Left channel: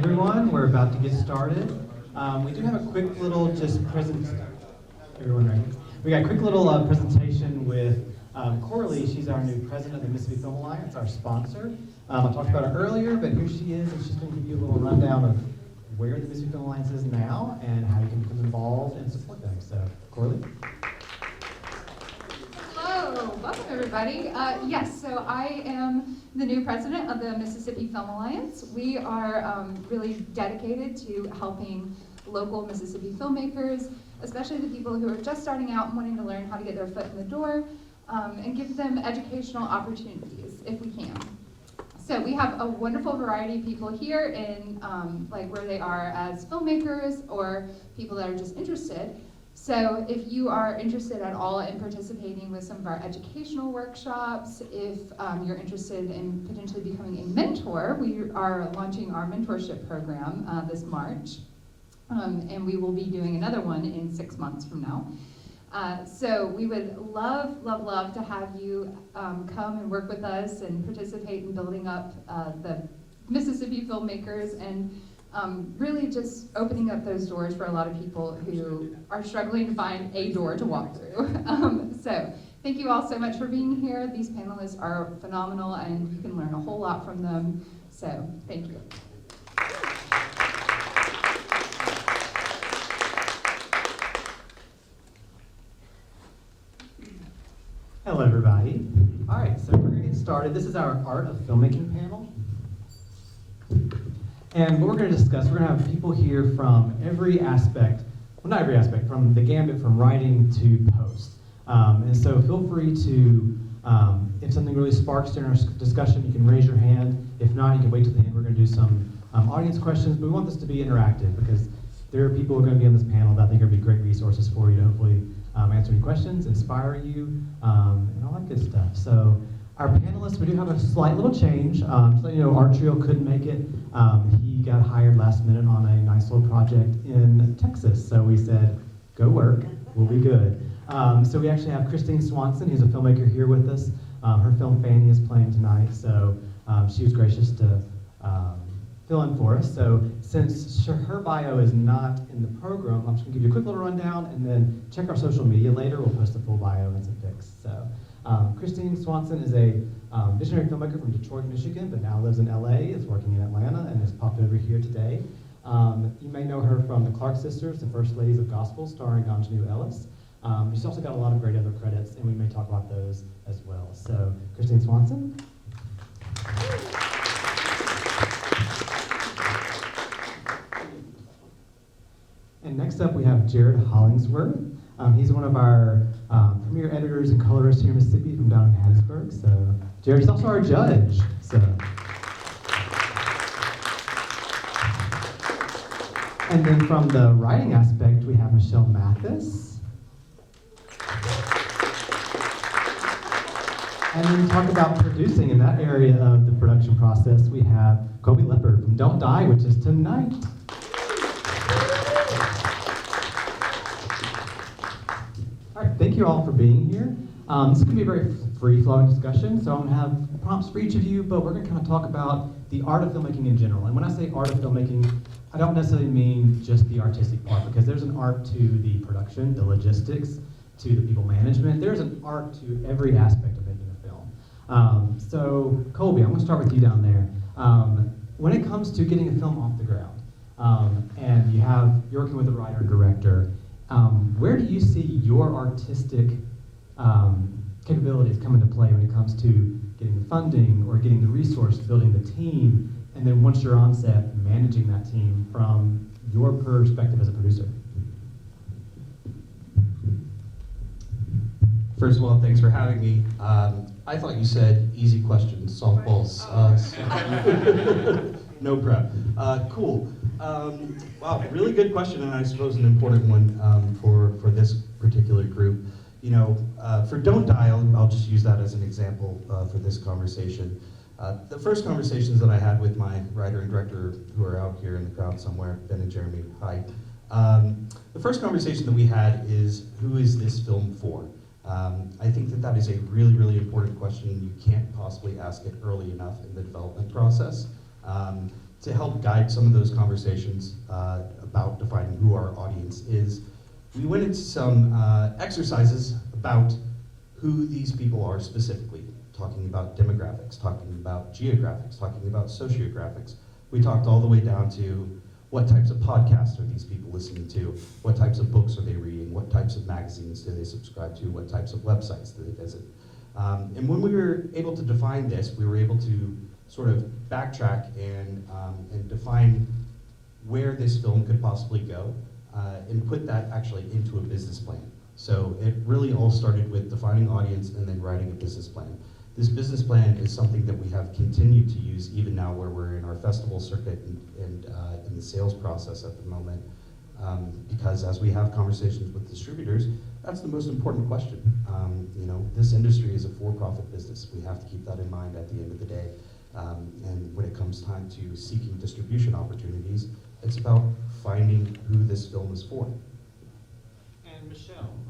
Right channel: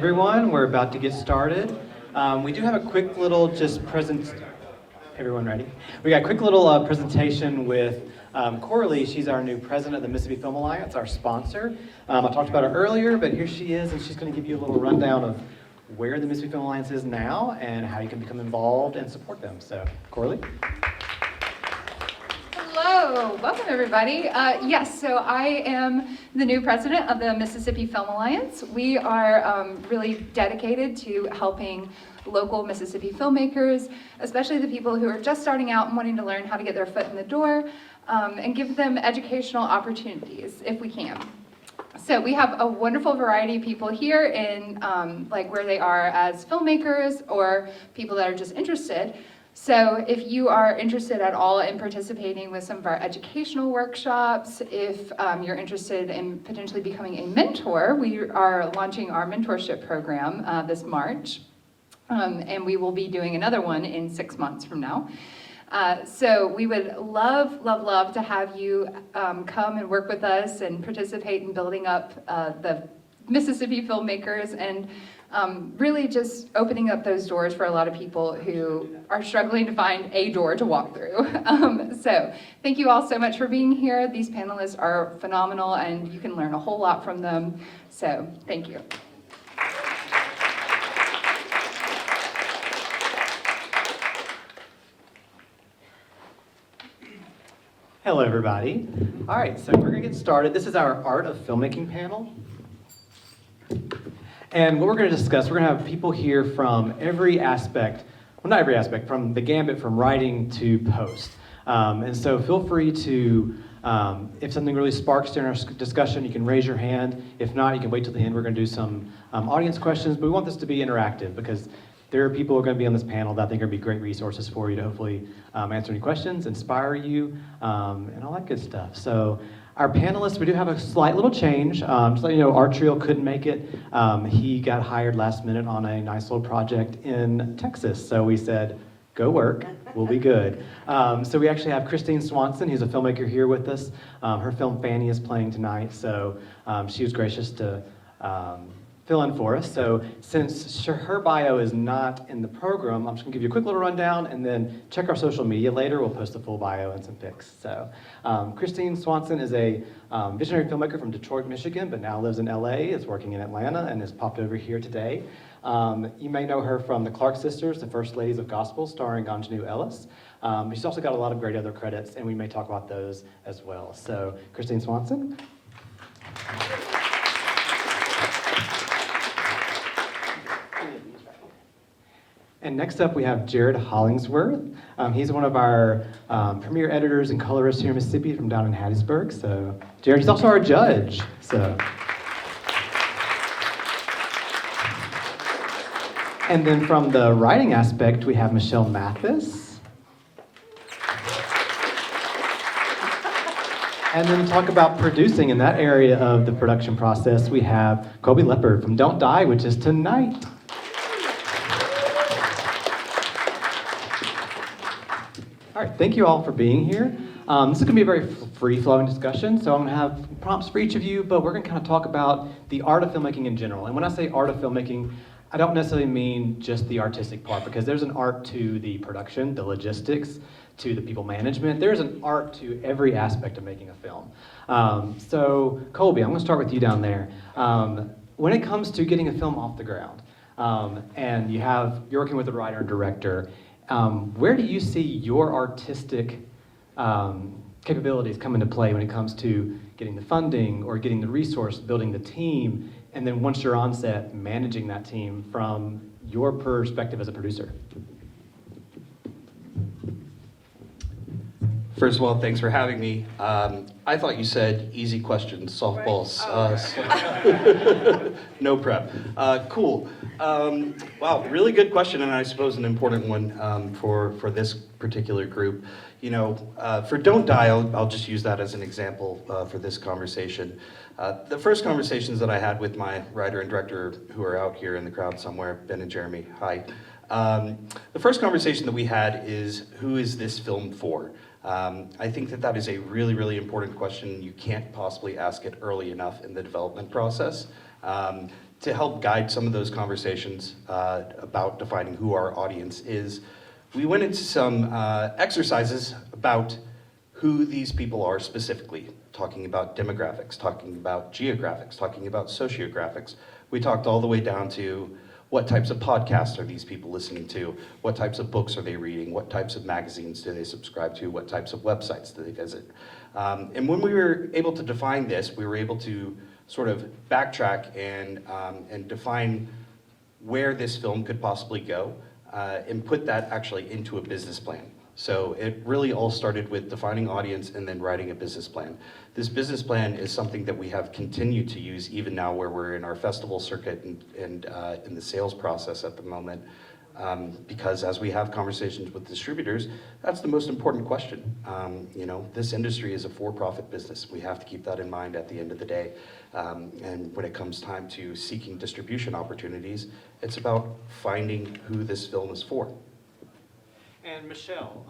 everyone. We're about to get started. We do have a quick little everyone ready? We got a quick little presentation with Coralie. She's our new president of the Mississippi Film Alliance, our sponsor. I talked about her earlier, but here she is, and she's going to give you a little rundown of where the Mississippi Film Alliance is now and how you can become involved and support them. So, Coralie? Hello, welcome everybody. Yes, so I am the new president of the Mississippi Film Alliance. We are really dedicated to helping local Mississippi filmmakers, especially the people who are just starting out and wanting to learn how to get their foot in the door, and give them educational opportunities if we can. So we have a wonderful variety of people here in like where they are as filmmakers or people that are just interested. So if you are interested at all in participating with some of our educational workshops, if you're interested in potentially becoming a mentor, we are launching our mentorship program this March. And we will be doing another one in 6 months from now. So we would love to have you come and work with us and participate in building up the Mississippi filmmakers and really just opening up those doors for a lot of people who are struggling to find a door to walk through. So thank you all so much for being here. These panelists are phenomenal and you can learn a whole lot from them. So thank you. Hello, everybody. All right, so we're going to get started. This is our Art of Filmmaking panel. And what we're going to discuss, we're going to have people here from every aspect, well, not every aspect, from the gambit from writing to post. And so feel free to, if something really sparks during our discussion, you can raise your hand. If not, you can wait till the end. We're going to do some audience questions, but we want this to be interactive because there are people who are going to be on this panel that I think are going to be great resources for you to hopefully answer any questions, inspire you, and all that good stuff. So our panelists, we do have a slight little change. Just to let you know, our trio couldn't make it. He got hired last minute on a nice little project in Texas. So we said, go work, we'll be good. So we actually have Christine Swanson, who's a filmmaker here with us. Her film Fanny is playing tonight, so she was gracious to fill in for us. So since her bio is not in the program, I'm just gonna give you a quick little rundown and then check our social media later. We'll post the full bio and some pics. So Christine Swanson is a visionary filmmaker from Detroit, Michigan, but now lives in LA, is working in Atlanta, and has popped over here today. You may know her from The Clark Sisters, The First Ladies of Gospel, starring Anjanou Ellis. She's also got a lot of great other credits, and we may talk about those as well. So Christine Swanson. And next up, we have Jared Hollingsworth. He's one of our premier editors and colorists here in Mississippi from down in Hattiesburg. So Jared is also our judge. So. And then from the writing aspect, we have Michele Mathis. And then talk about producing in that area of the production process, we have Colby Leopard from Don't Die, which is tonight. All right, thank you all for being here. This is going to be a very free-flowing discussion, so I'm going to have prompts for each of you, but we're going to kind of talk about the art of filmmaking in general. And when I say art of filmmaking, I don't necessarily mean just the artistic part, because there's an art to the production, the logistics, to the people management. There's an art to every aspect of making a film. So Colby, I'm going to start with you down there. When it comes to getting a film off the ground, and you're working with a writer and director, where do you see your artistic capabilities come into play when it comes to getting the funding or getting the resource, building the team, and then once you're on set, managing that team from your perspective as a producer? First of all, thanks for having me. I thought you said easy questions, softballs. No prep. Cool. Wow, really good question, and I suppose an important one for this particular group. You know, for Don't Die, I'll just use that as an example for this conversation. The first conversations that I had with my writer and director, who are out here in the crowd somewhere, Ben and Jeremy, hi. The first conversation that we had is, who is this film for? I think that is a really, really important question. You can't possibly ask it early enough in the development process. to help guide some of those conversations about defining who our audience is, we went into some exercises about who these people are specifically, talking about demographics, talking about geographics, talking about sociographics. We talked all the way down to what types of podcasts are these people listening to, what types of books are they reading, what types of magazines do they subscribe to, what types of websites do they visit. And when we were able to define this, we were able to sort of backtrack and define where this film could possibly go and put that actually into a business plan. So it really all started with defining audience and then writing a business plan. This business plan is something that we have continued to use even now where we're in our festival circuit and in the sales process at the moment. Because as we have conversations with distributors, that's the most important question. You know, this industry is a for-profit business. We have to keep that in mind at the end of the day. And when it comes time to seeking distribution opportunities, it's about finding who this film is for. And Michele,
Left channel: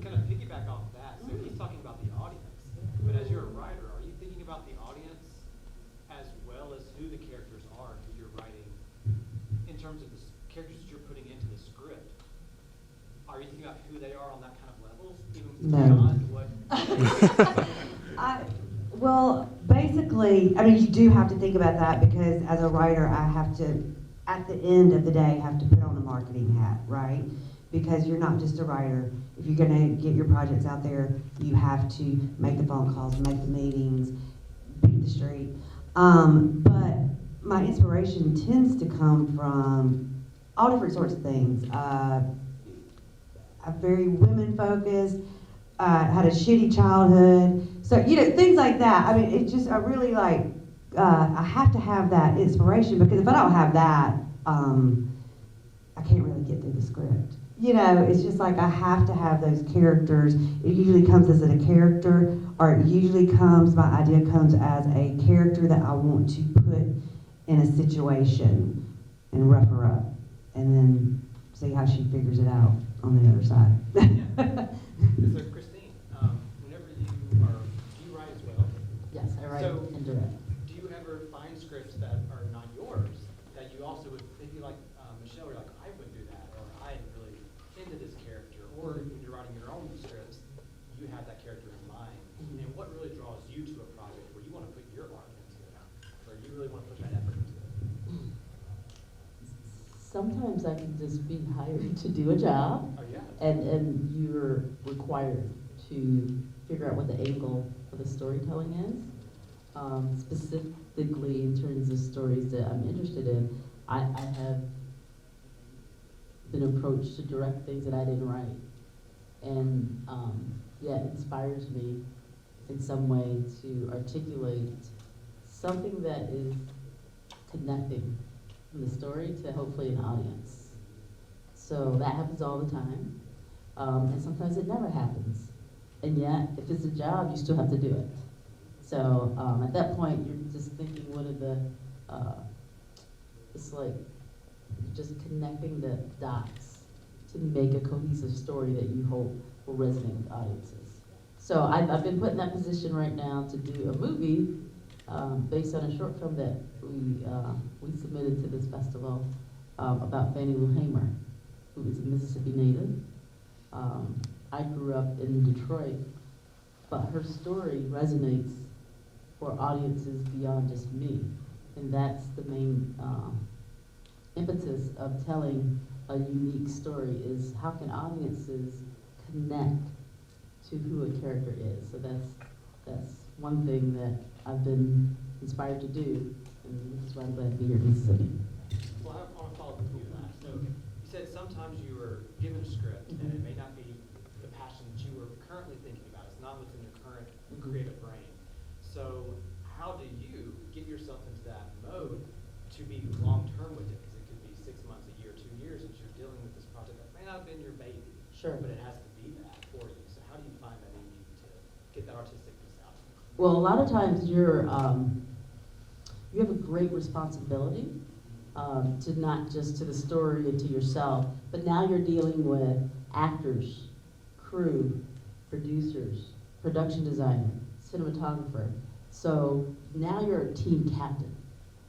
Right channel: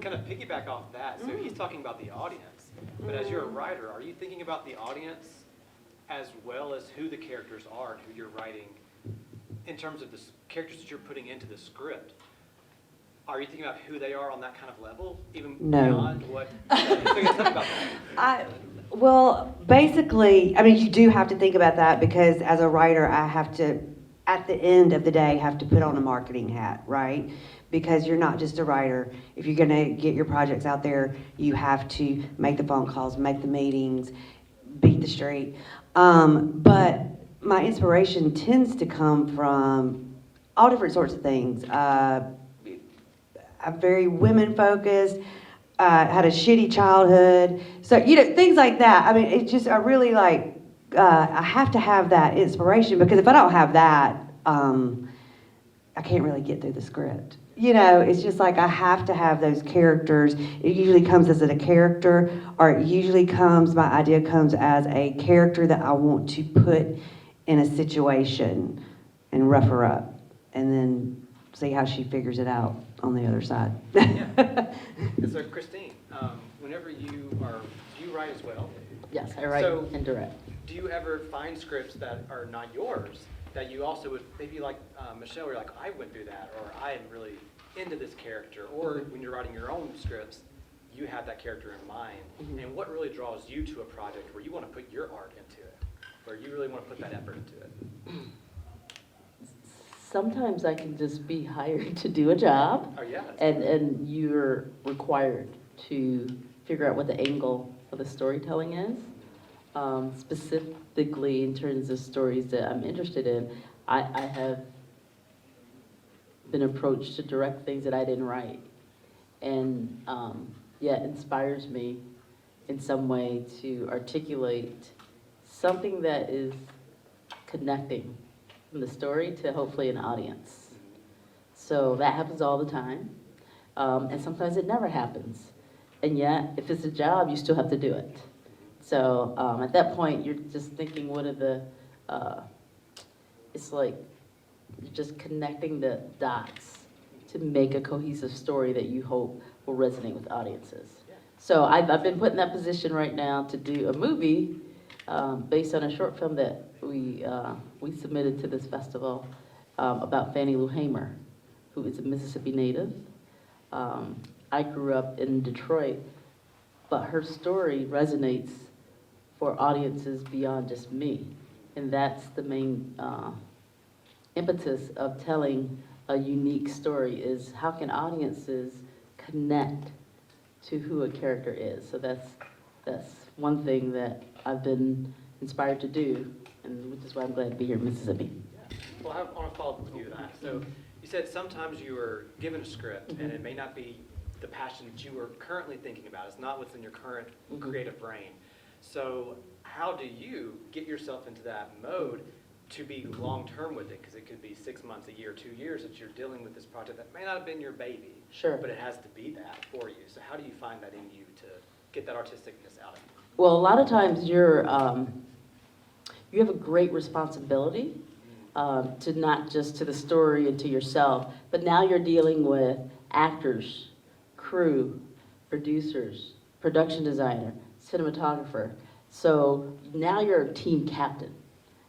kind of piggyback off that, so he's talking about the audience, but as you're a writer, are you thinking about the audience as well as who the characters are and who you're writing in terms of the characters that you're putting into the script? Are you thinking about who they are on that kind of level, even beyond what? Well, basically, I mean, you do have to think about that because as a writer, I have to, at the end of the day, have to put on a marketing hat, right? Because you're not just a writer. If you're gonna get your projects out there, you have to make the phone calls, make the meetings, beat the street. But my inspiration tends to come from all different sorts of things. I'm very women-focused, had a shitty childhood. So, you know, things like that. I mean, it's just, I really like, I have to have that inspiration because if I don't have that, I can't really get through the script. You know, it's just like I have to have those characters. It usually comes as a character, or it usually comes, my idea comes as a character that I want to put in a situation and rough her up, and then see how she figures it out on the other side. Yeah. So Christine, whenever do you write as well? Yes, I write and direct. Do you ever find scripts that are not yours that you also would, maybe like Michele, where you're like, I went through that, or I am really into this character, or when you're writing your own scripts, you have that character in mind, and what really draws you to a project where you want to put your art into it, where you really want to put that effort into it? Sometimes I can just be hired to do a job, Oh yeah. and you're required to figure out what the angle of the storytelling is. Specifically in terms of stories that I'm interested in, I have been approached to direct things that I didn't write, and yet inspires me in some way to articulate something that is connecting from the story to hopefully an audience. So that happens all the time, and sometimes it never happens, and yet if it's a job, you still have to do it. So at that point, you're just thinking, what are the, it's like you're just connecting the dots to make a cohesive story that you hope will resonate with audiences. So I've been put in that position right now to do a movie based on a short film that we submitted to this festival about Fannie Lou Hamer, who is a Mississippi native. I grew up in Detroit, but her story resonates for audiences beyond just me. And that's the main impetus of telling a unique story, is how can audiences connect to who a character is. So that's one thing that I've been inspired to do, and which is why I'm glad to be here in Mississippi. Well, I want to follow up with you on that. So you said sometimes you were given a script and it may not be the passion that you were currently thinking about. It's not what's in your current creative brain. So how do you get yourself into that mode to be long-term with it? Because it could be 6 months, a year, 2 years that you're dealing with this project that may not have been your baby. Sure. But it has to be that for you. So how do you find that in you to get that artisticness out of you? Well, a lot of times you have a great responsibility to not just to the story and to yourself, but now you're dealing with actors, crew, producers, production designer, cinematographer. So now you're a team captain.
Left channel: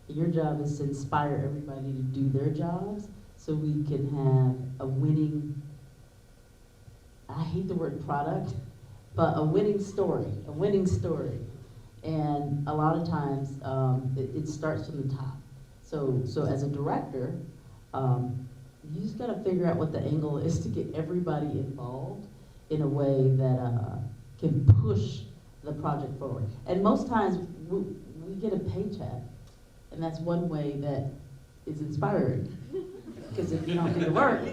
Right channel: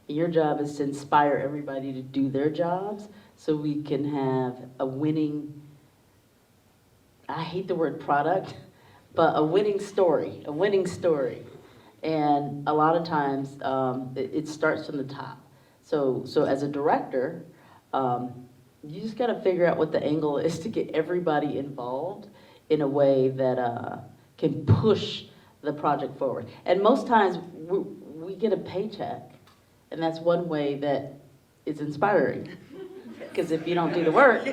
And your job is to inspire everybody to do their jobs so we can have a winning, I hate the word product, but a winning story, a winning story. And a lot of times, it starts from the top. So as a director, you just gotta figure out what the angle is to get everybody involved in a way that can push the project forward. And most times, we get a paycheck, and that's one way that is inspiring. Because if you don't do the work,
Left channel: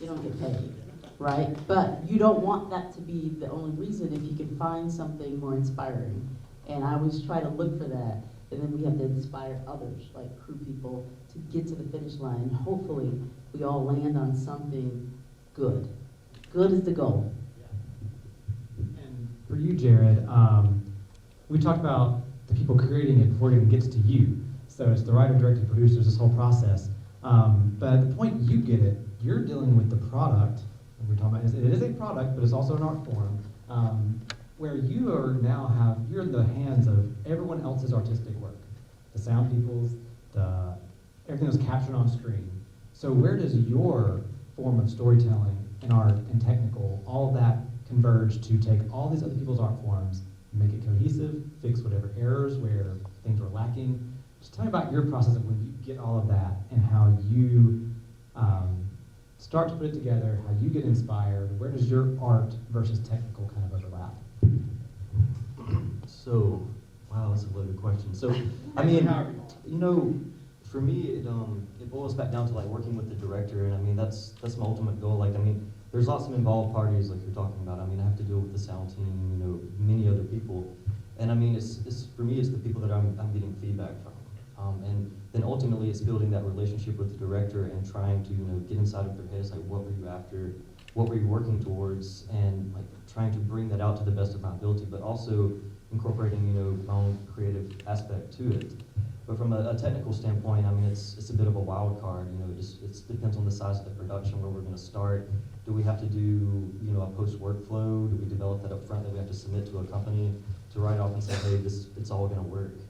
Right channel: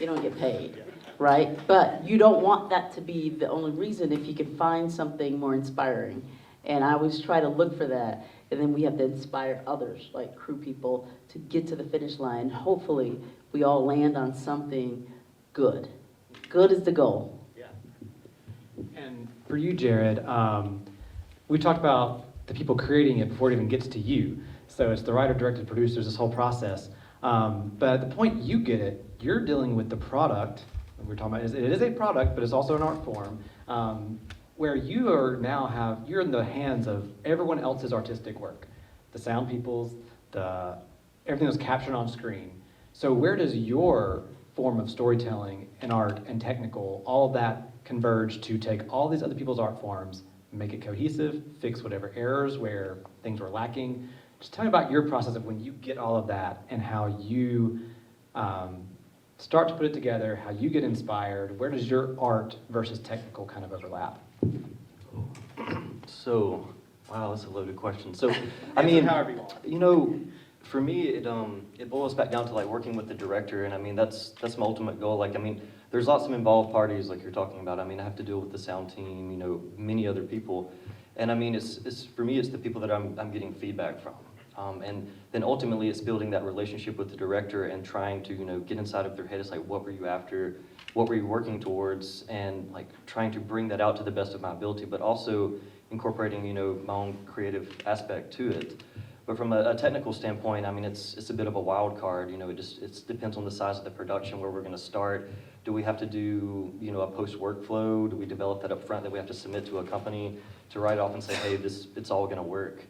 you don't get paid, right? But you don't want that to be the only reason if you can find something more inspiring. And I always try to look for that. And then we have to inspire others, like crew people, to get to the finish line. Hopefully, we all land on something good. Good is the goal. Yeah. And for you, Jared, we talked about the people creating it before it even gets to you. So it's the writer, director, producers, this whole process. But at the point you get it, you're dealing with the product. And we're talking about it is a product, but it's also an art form. Where you are now you're in the hands of everyone else's artistic work, the sound people's, everything that's captured on screen. So where does your form of storytelling and art and technical, all of that converge to take all these other people's art forms, make it cohesive, fix whatever errors where things were lacking? Just tell me about your process of when you get all of that and how you start to put it together, how you get inspired. Where does your art versus technical kind of overlap? So, wow, that's a loaded question. So, I mean, you know, for me, it boils back down to like working with the director, and I mean that's my ultimate goal. Like, I mean, there's lots of involved parties, like you're talking about. I mean, I have to deal with the sound team, you know, many other people, and I mean, it's for me, it's the people that I'm getting feedback from, and then ultimately, it's building that relationship with the director and trying to, you know, get inside of their head. It's like, what were you after? What were you working towards, and like trying to bring that out to the best of my ability, but also incorporating, you know, my own creative aspect to it. But from a technical standpoint, I mean, it's a bit of a wild card. You know, it depends on the size of the production, where we're going to start. Do we have to do, you know, a post workflow? Do we develop that up front that we have to submit to a company to write off and say, hey, it's all going to work?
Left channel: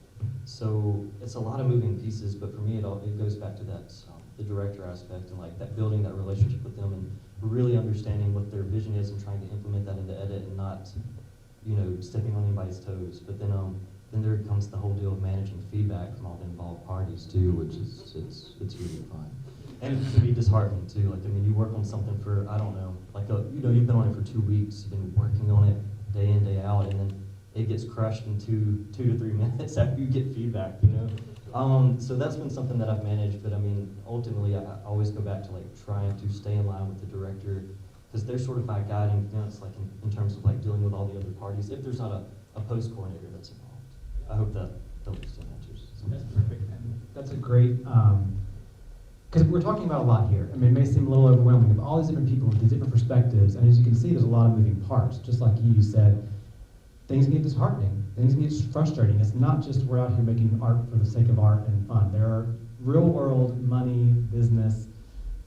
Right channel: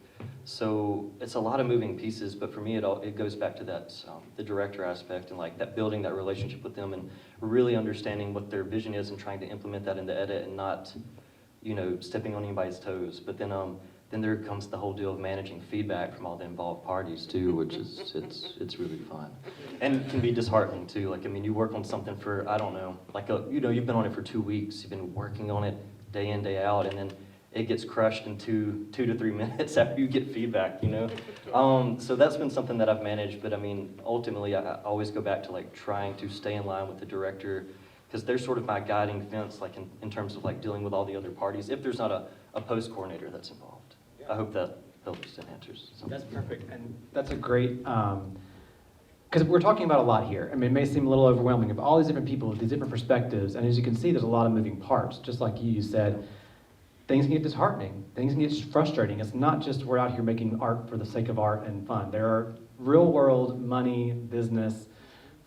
So it's a lot of moving pieces, but for me, it goes back to that the director aspect and like that building that relationship with them and really understanding what their vision is and trying to implement that in the edit and not, you know, stepping on anybody's toes. But then there comes the whole deal of managing feedback from all the involved parties too, which is it's really fun and can be disheartening too. Like, I mean, you work on something for, I don't know, like you know, you've been on it for 2 weeks, you've been working on it day in, day out, and then it gets crushed in 2 to 3 minutes after you get feedback, you know? So that's been something that I've managed, but I mean, ultimately, I always go back to like trying to stay in line with the director, because they're sort of my guiding fence, like in terms of like dealing with all the other parties, if there's not a post coordinator that's involved. I hope that helps and answers something. That's perfect, and that's a great, because we're talking about a lot here. I mean, it may seem a little overwhelming, but all these different people with these different perspectives, and as you can see, there's a lot of moving parts, just like you said. Things can get disheartening, things can get frustrating. It's not just we're out here making art for the sake of art and fun. There are real world money, business,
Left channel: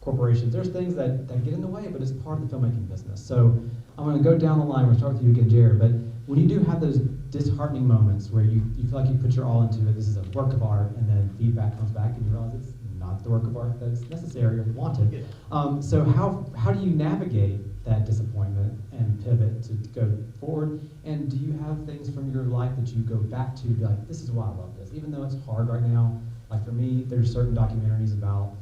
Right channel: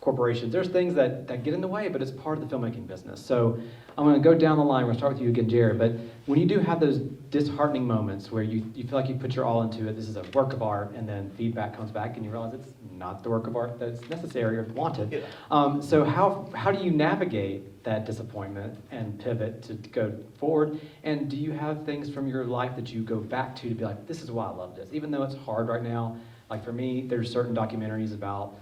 corporations. There's things that get in the way, but it's part of the filmmaking business. So I'm gonna go down the line. We're gonna start with you again, Jared, but when you do have those disheartening moments where you feel like you put your all into it, this is a work of art, and then feedback comes back and you realize it's not the work of art that's necessary or wanted. So how do you navigate that disappointment and pivot to go forward? And do you have things from your life that you go back to be like, this is why I love this, even though it's hard right now? Like for me, there's certain documentaries about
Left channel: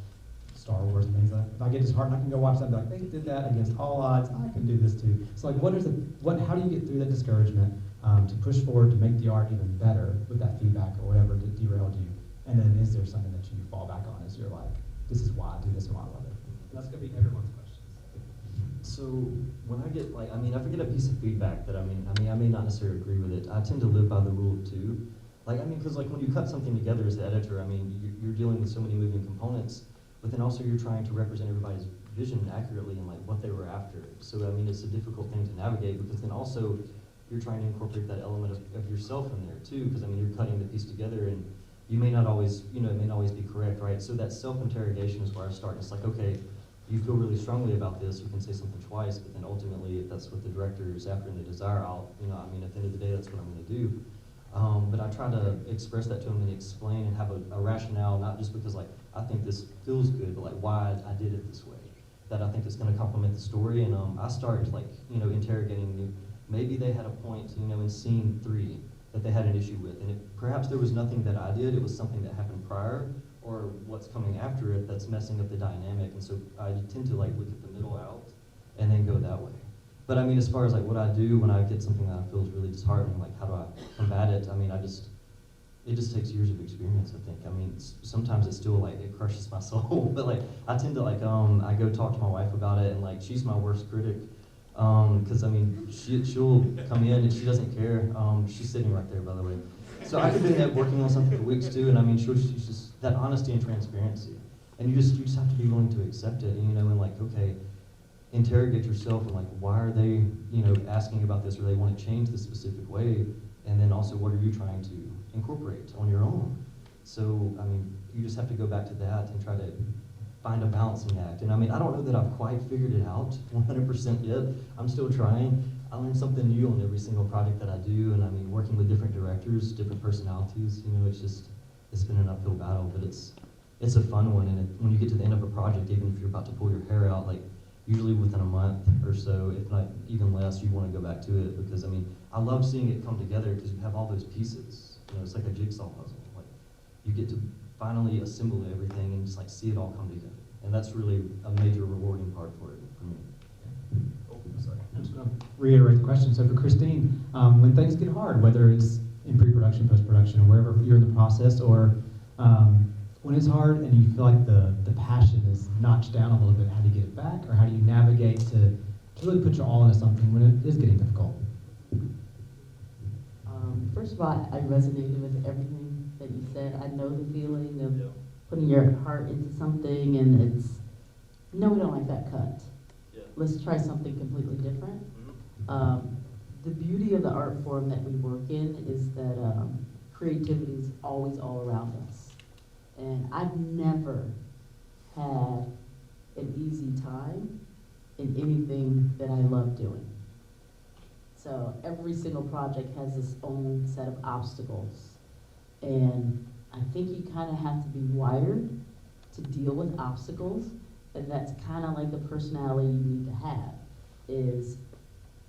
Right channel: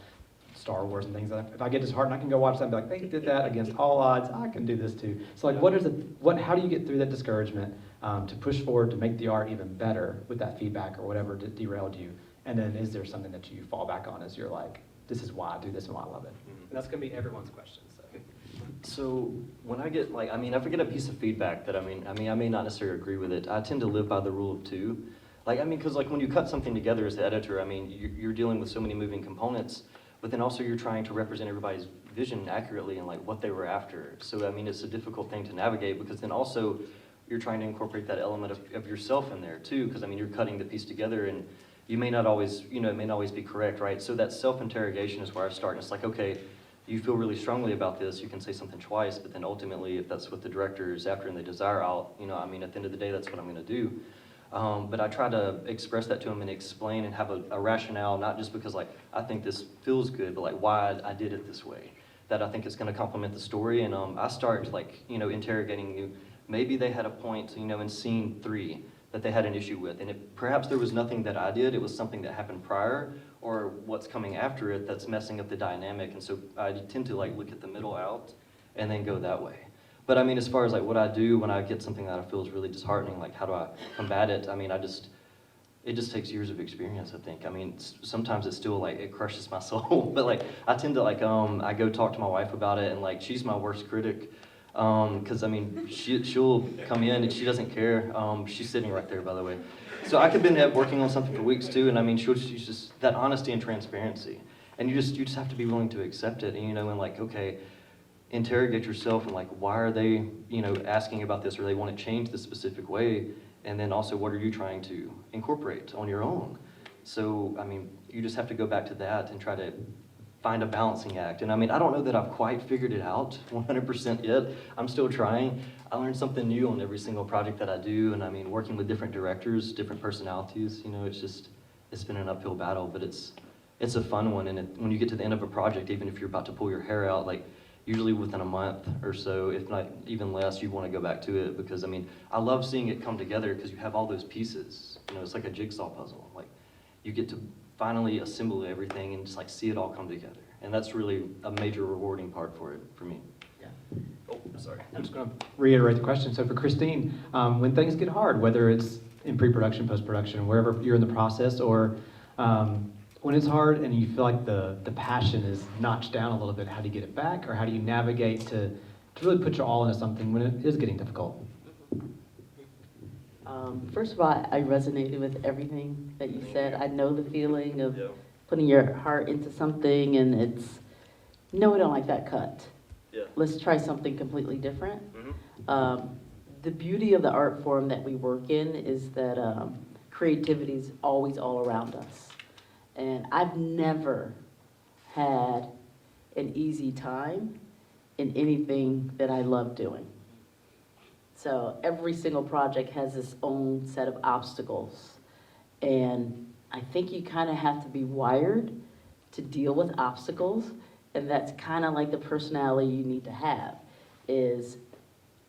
Star Wars and things that if I get disheartened, I can go watch that and be like, they did that against all odds, I can do this too. So like, how do you get through that discouragement to push forward to make the art even better with that feedback or whatever derailed you? And then is there something that you fall back on as you're like, this is why I do this and why I love it? And that's gonna be everyone's question. So when I get like, I mean, if I get a piece of feedback that I may not necessarily agree with it, I tend to live by the rule of two. Like, I mean, because like when you cut something together as the editor, I mean, you're dealing with so many moving components, but then also you're trying to represent everybody's vision accurately and like what they were after. So I mean, it's a difficult thing to navigate because then also you're trying to incorporate that element of yourself in there too, because I mean, you're cutting the piece together and you may not always, you know, it may not always be correct, right? So that self-interrogation is where I start, and it's like, okay, you feel really strongly about this, you can say something twice, but then ultimately, if that's what the director is after and they desire, you know, I mean, at the end of the day, that's what I'm gonna do. But I try to express that to them and explain and have a rationale, not just because like I think this feels good, but like why I did it this way. That I think it's going to complement the story, and I start like interrogating you. Maybe they had a point in scene 3 that they had an issue with, and perhaps there was nothing that I did. It was something that happened prior, or what's coming after it that's messing up the dynamic. And so I tend to like look at the middle out, and then go that way. But I mean, as far as like what I do when I get something that I feel is really disheartening, like how do I combat it? I mean, it just takes years of experience, I think. I mean, sometimes it's still like, it crushes my soul, but like, I tend to like, I go talk to my wife about it, and like, she's my worst critic. Cause I mean, she'll come in and she doesn't care. She's sitting right there, by the way. So I could have been working on something for weeks too, and I mean, she's just that honesty and transparency. And you just have to be willing to accept it, and like, okay, interrogate yourself and like, why are they, asking about this, or they want to change this specific way? And then also, what are you trying to incorporate on your own? So, I mean, you just have to go back to that and try to find a balancing act. And I mean, I don't know that I've quite figured it out 100% yet. I'm still trying. I learn something new on every single project that I do. And I mean, working with different directors, different personalities, it's been an uphill battle, but it's a fun one. And when you get to the end of a project, even if you're about to pull your hair out, like, usually within a month or so, if not even less, you want to go back to it, because I mean, I love seeing it come together because you have all those pieces. It's like a jigsaw puzzle. Like, you get to finally assemble everything and just like see it all come together. And that's really a major rewarding part for it, for me. Yeah. Oh, sorry. I'm just going to reiterate the question. So for Christine, when things get hard, whether it's in pre-production, post-production, or wherever you're in the process, or when it's hard and you feel like the passion is notched down a little bit, how do you get it back? Or how do you navigate to really put your all into something when it is getting difficult? First of all, I resonated with everything that you said. I know the feeling of putting your heart into something and it's, no, we don't like that cut. Yeah. Let's try something completely different. Mm-hmm. The beauty of the art form that we work in is that creativity is always all around us. And I've never had an easy time in anything that I love doing. So every single project has its own set of obstacles. And I think you kind of have to be wired to deal with obstacles. And that's kind of like the personality you need to have, is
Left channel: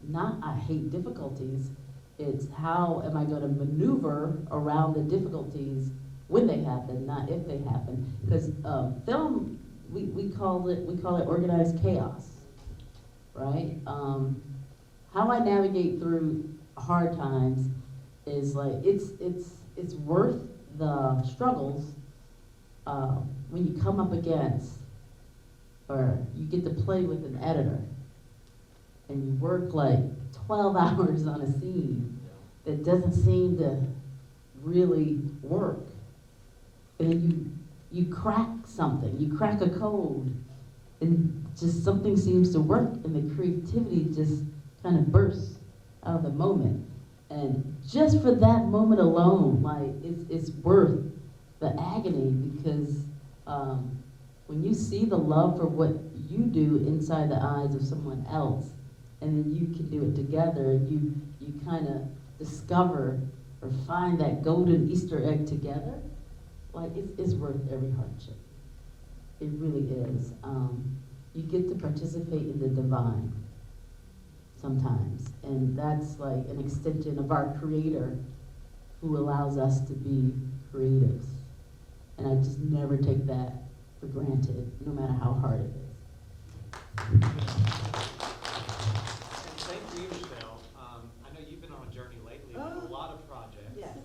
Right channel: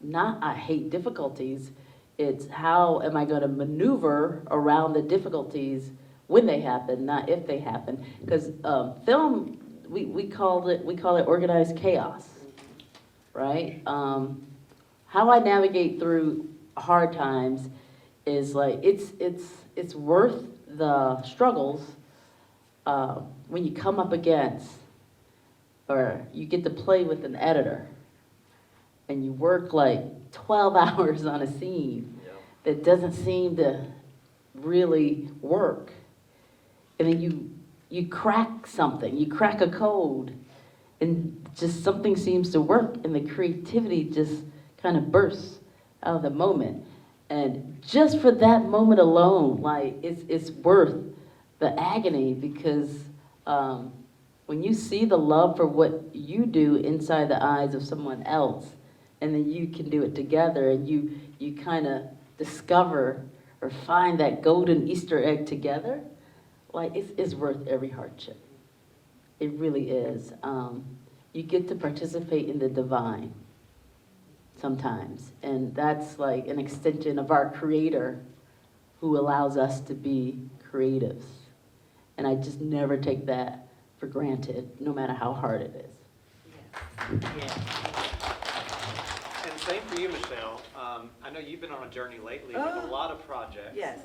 not I hate difficulties, it's how am I going to maneuver around the difficulties when they happen, not if they happen. Because film, we call it organized chaos, right? How I navigate through hard times is like it's worth the struggles when you come up against, or you get to play with an editor, and you work like 12 hours on a scene that doesn't seem to really work. And then you crack something, you crack a code, and just something seems to work, and the creativity just kind of bursts out of the moment. And just for that moment alone, like, it's worth the agony, because when you see the love for what you do inside the eyes of someone else, and then you can do it together, and you kind of discover or find that golden Easter egg together, like, it's worth every hardship. It really is. You get to participate in the divine sometimes, and that's like an extension of our Creator, who allows us to be creatives. And I just never take that for granted, no matter how hard it is. And same for you, Michele. I know you've been on a journey lately with a lot of projects. Yes.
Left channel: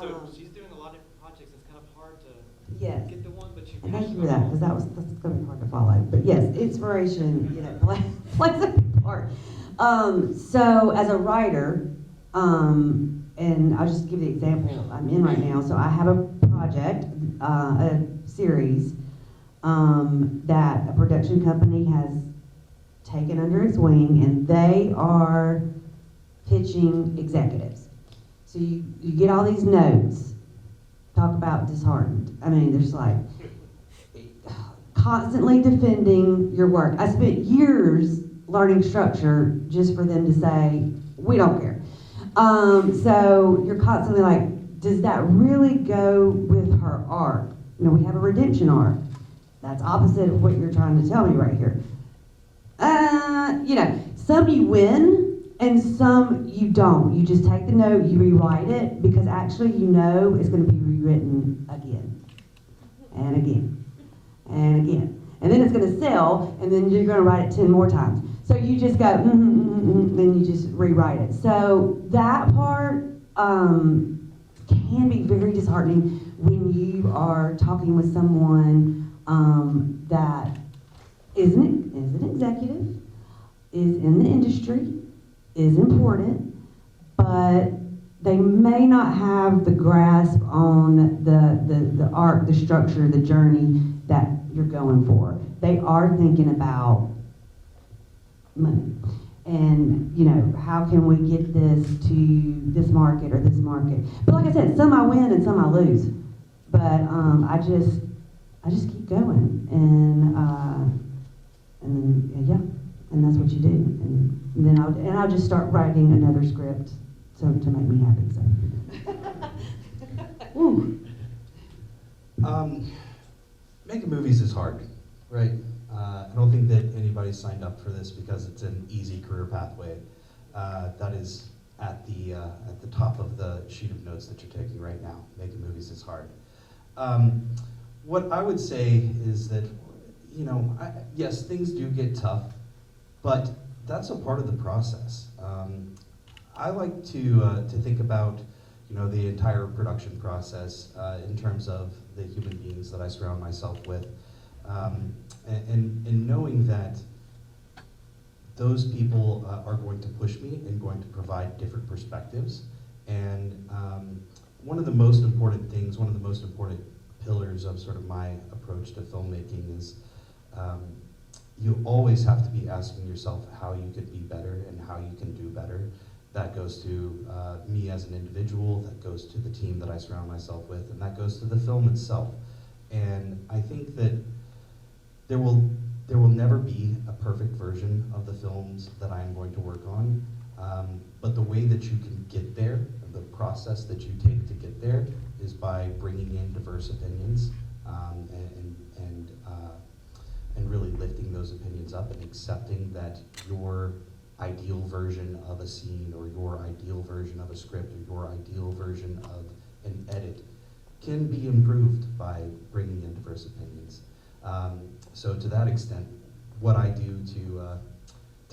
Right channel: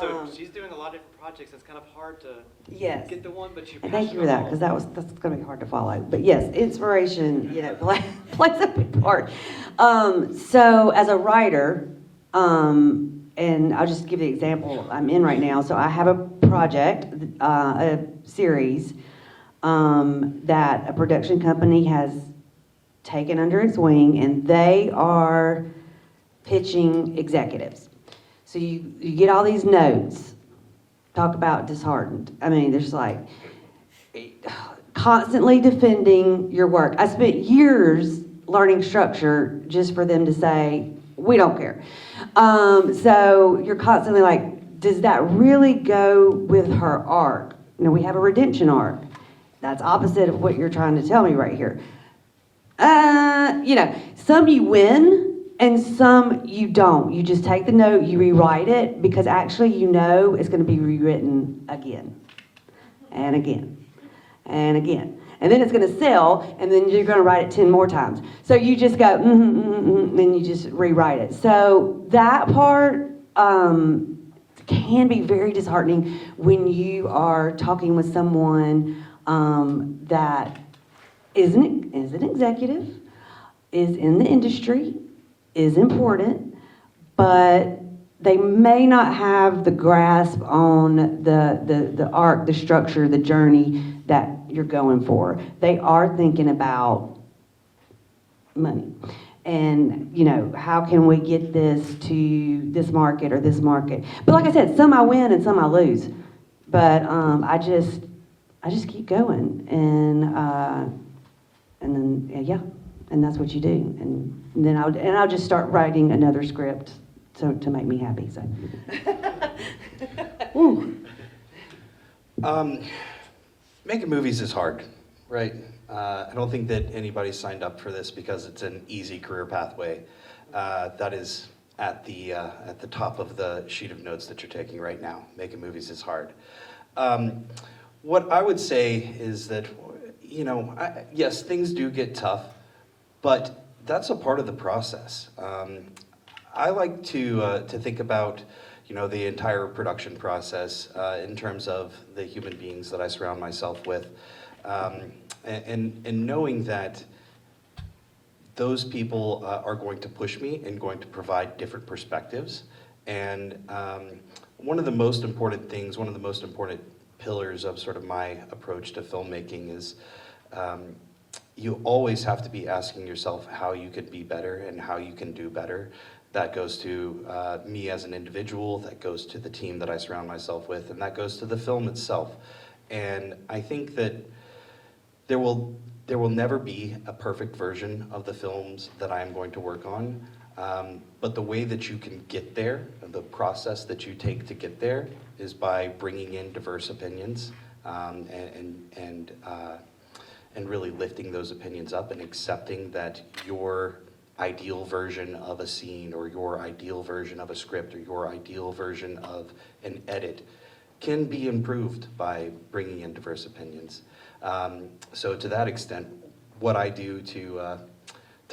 So she's doing a lot of different projects. It's kind of hard to get the one, but you. And thank you for that, because that's going to be hard to follow. But yes, inspiration, plays a big part. So as a writer, and I'll just give the example I'm in right now. So I have a project, a series that a production company has taken under its wing, and they are pitching executives. So you get all these notes, talk about disheartened. I mean, there's like constantly defending your work. I spent years learning structure just for them to say, we don't care. So you're constantly like, does that really go with her arc? We have a redemption arc. That's opposite of what you're trying to tell me right here. Some you win and some you don't. You just take the note, you rewrite it, because actually it's going to be rewritten again and again and again. And then it's going to sell, and then you're going to write it 10 more times. So you just go, then you just rewrite it. So that part can be very disheartening when you are talking with someone that is an executive, is in the industry, is important, but they may not have the grasp on the arc, the structure, the journey that you're going for. They are thinking about money. And, how can we get this to this market or this market? But like I said, some I win and some I lose. But I just keep going. And then, and that's what you do. And then I'll just start writing another script to make me happy. So. Woo. Making movies is hard, right? I don't think that anybody signed up for this because it's an easy career pathway. That is at the top of the sheet of notes that you're taking right now. Making movies is hard. What I would say is that, yes, things do get tough, but that's a part of the process. I like to think about the entire production process in terms of the human beings that I surround myself with, and knowing that those people are going to push me and going to provide different perspectives. And one of the most important things, one of the most important pillars of sort of my approach to filmmaking is you always have to be asking yourself how you could be better and how you can do better. That goes to me as an individual, that goes to the team that I surround myself with, and that goes to the film itself. And I think that there will never be a perfect version of the films that I am going to work on, but the way that you can get there, the process that you take to get there, is by bringing in diverse opinions and really lifting those opinions up and accepting that your ideal version of a scene or your ideal version of a script or your ideal version of an edit can be improved by bringing in diverse opinions. So to that extent, what I do to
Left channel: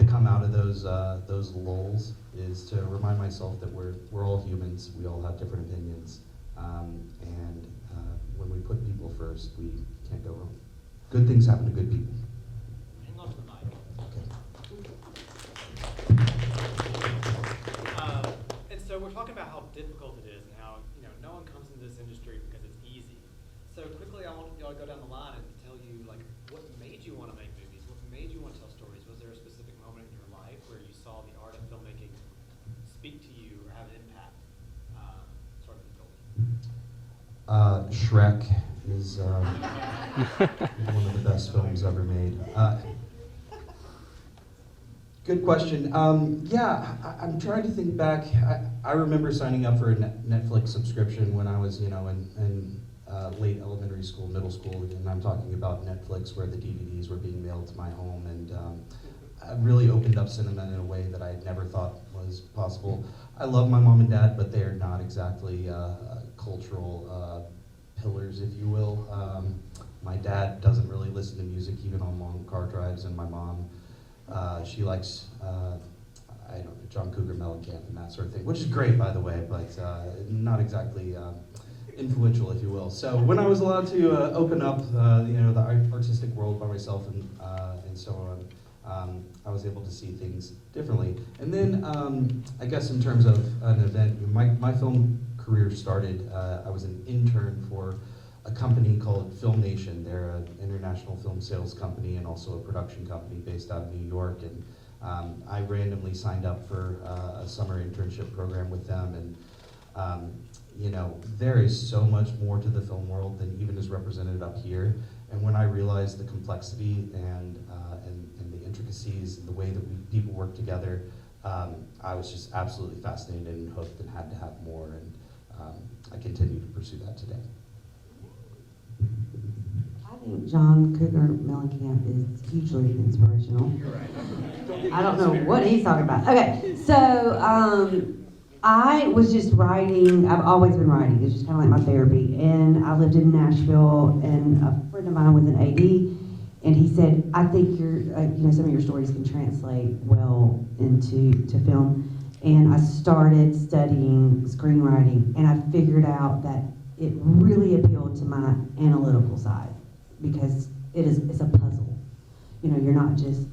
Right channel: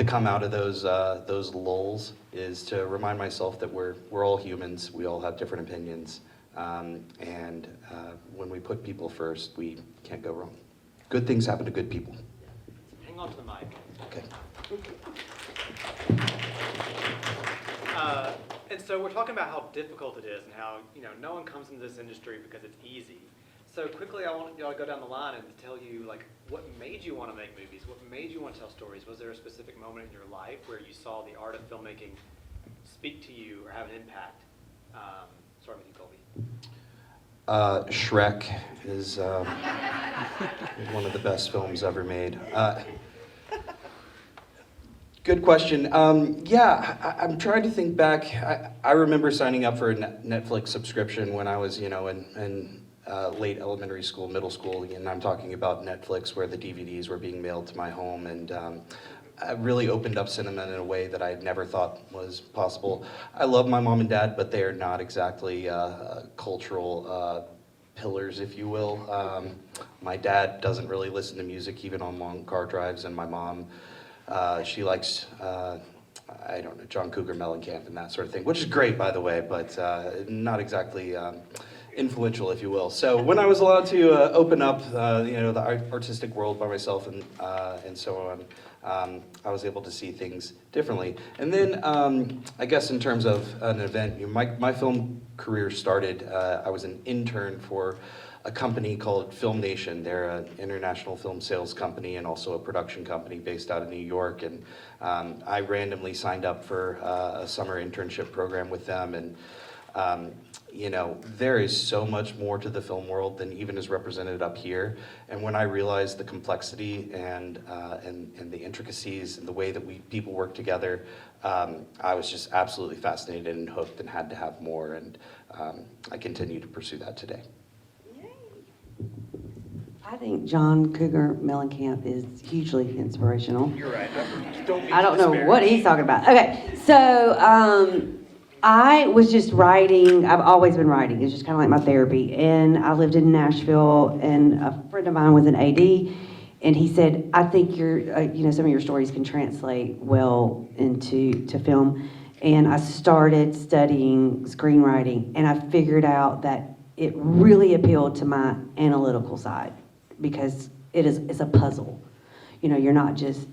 come out of those lulls is to remind myself that we're all humans, we all have different opinions, and when we put people first, we can't go wrong. Good things happen to good people. Hang on to the mic. Okay. And so we're talking about how difficult it is and how no one comes into this industry because it's easy. So quickly, I want y'all to go down the line and tell you what made you want to make movies, what made you want to tell stories. Was there a specific moment in your life where you saw the art of filmmaking speak to you or have an impact? Sorry, Colby. Shrek is one of the best films ever made. Good question. I'm trying to think back. I remember signing up for a Netflix subscription when I was, in late elementary school, middle school, and I'm talking about Netflix, where the DVDs were being mailed to my home, and it really opened up cinema in a way that I never thought was possible. I love my mom and dad, but they are not exactly cultural pillars, if you will. My dad doesn't really listen to music, even on long car drives, and my mom, she likes, I don't know, John Cougar Mellencamp and that sort of thing, which is great, by the way, but not exactly influential, if you will. So when I was allowed to open up, the artistic world by myself and so on, I was able to see things differently. And then, I guess in terms of an event, my film career started, I was an intern for a company called Film Nation. They're an international film sales company and also a production company based out of New York. And I randomly signed up for a summer internship program with them. And there is so much more to the film world than even is represented up here. And when I realized the complexity and the intricacies and the way that people work together, I was just absolutely fascinated and hooked and had to have more, and I continue to pursue that today. I think John Cougar Mellencamp is hugely inspirational. You're right. I don't know what he's talking about. Okay, so I was just writing. I've always been writing. It's just kind of like my therapy. And I lived in Nashville, and a friend of mine was an AD, and he said, "I think some of your stories can translate well into film." And I started studying screenwriting, and I figured out that it really appealed to my analytical side because it's a puzzle. You're not just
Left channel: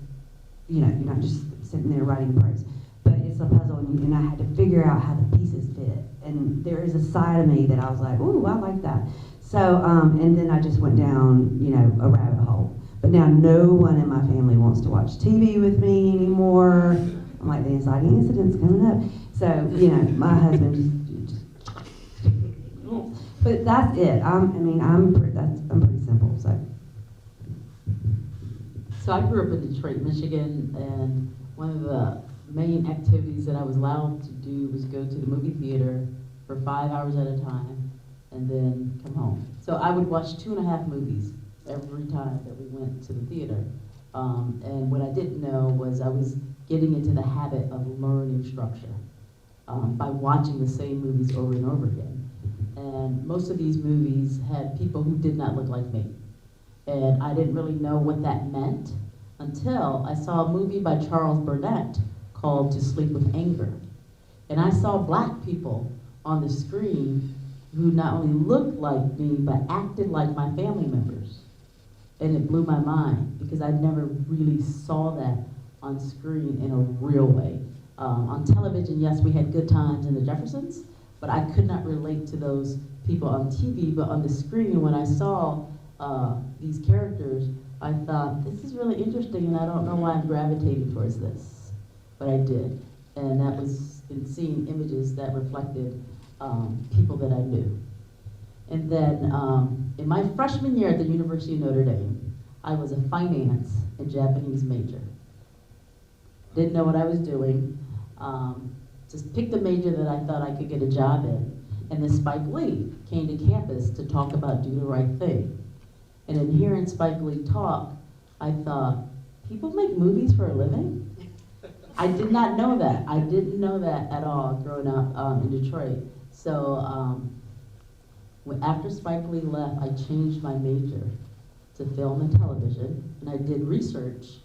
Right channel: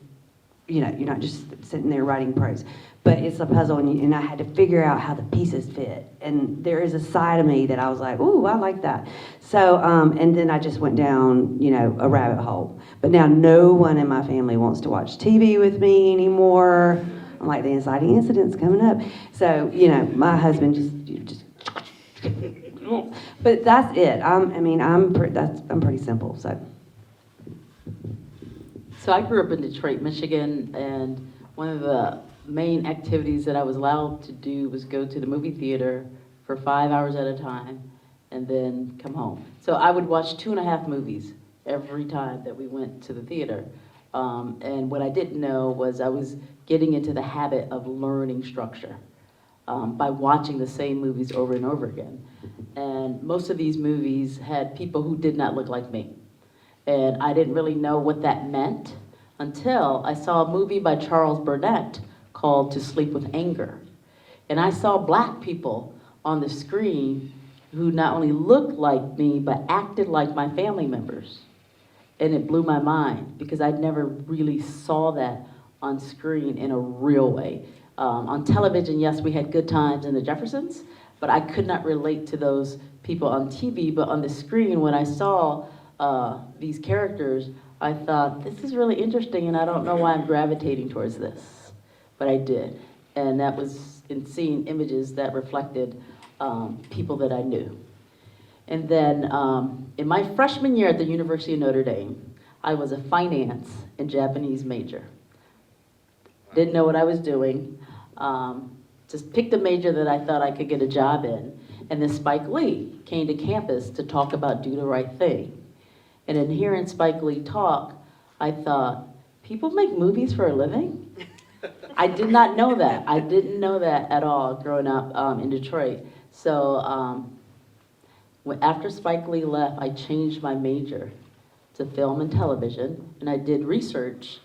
sitting there writing prose, but it's a puzzle, and I had to figure out how the pieces fit. And there is a side of me that I was like, ooh, I like that. So, and then I just went down, a rabbit hole. But now no one in my family wants to watch TV with me anymore. I'm like, the inciting incident's coming up. So, my husband just but that's it. I'm pretty simple, so. So I grew up in Detroit, Michigan, and one of the main activities that I was allowed to do was go to the movie theater for 5 hours at a time and then come home. So I would watch 2.5 movies every time that we went to the theater. And what I didn't know was I was getting into the habit of learning structure by watching the same movies over and over again. And most of these movies had people who did not look like me. And I didn't really know what that meant until I saw a movie by Charles Burnett called To Sleep with Anger. And I saw black people on the screen who not only looked like me, but acted like my family members. And it blew my mind because I never really saw that on screen in a real way. On television, yes, we had Good Times and the Jeffersons, but I could not relate to those people on TV. But on the screen, when I saw these characters, I thought, this is really interesting, and I don't know why I'm gravitating towards this, but I did. And that was in seeing images that reflected people that I knew. And then in my freshman year at the University of Notre Dame, I was a finance and Japanese major. Didn't know what I was doing. Just picked a major that I thought I could get a job in. And then Spike Lee came to campus to talk about Do the Right Thing. And in hearing Spike Lee talk, I thought, people make movies for a living? I did not know that. I didn't know that at all growing up in Detroit. So after Spike Lee left, I changed my major to film and television, and I did research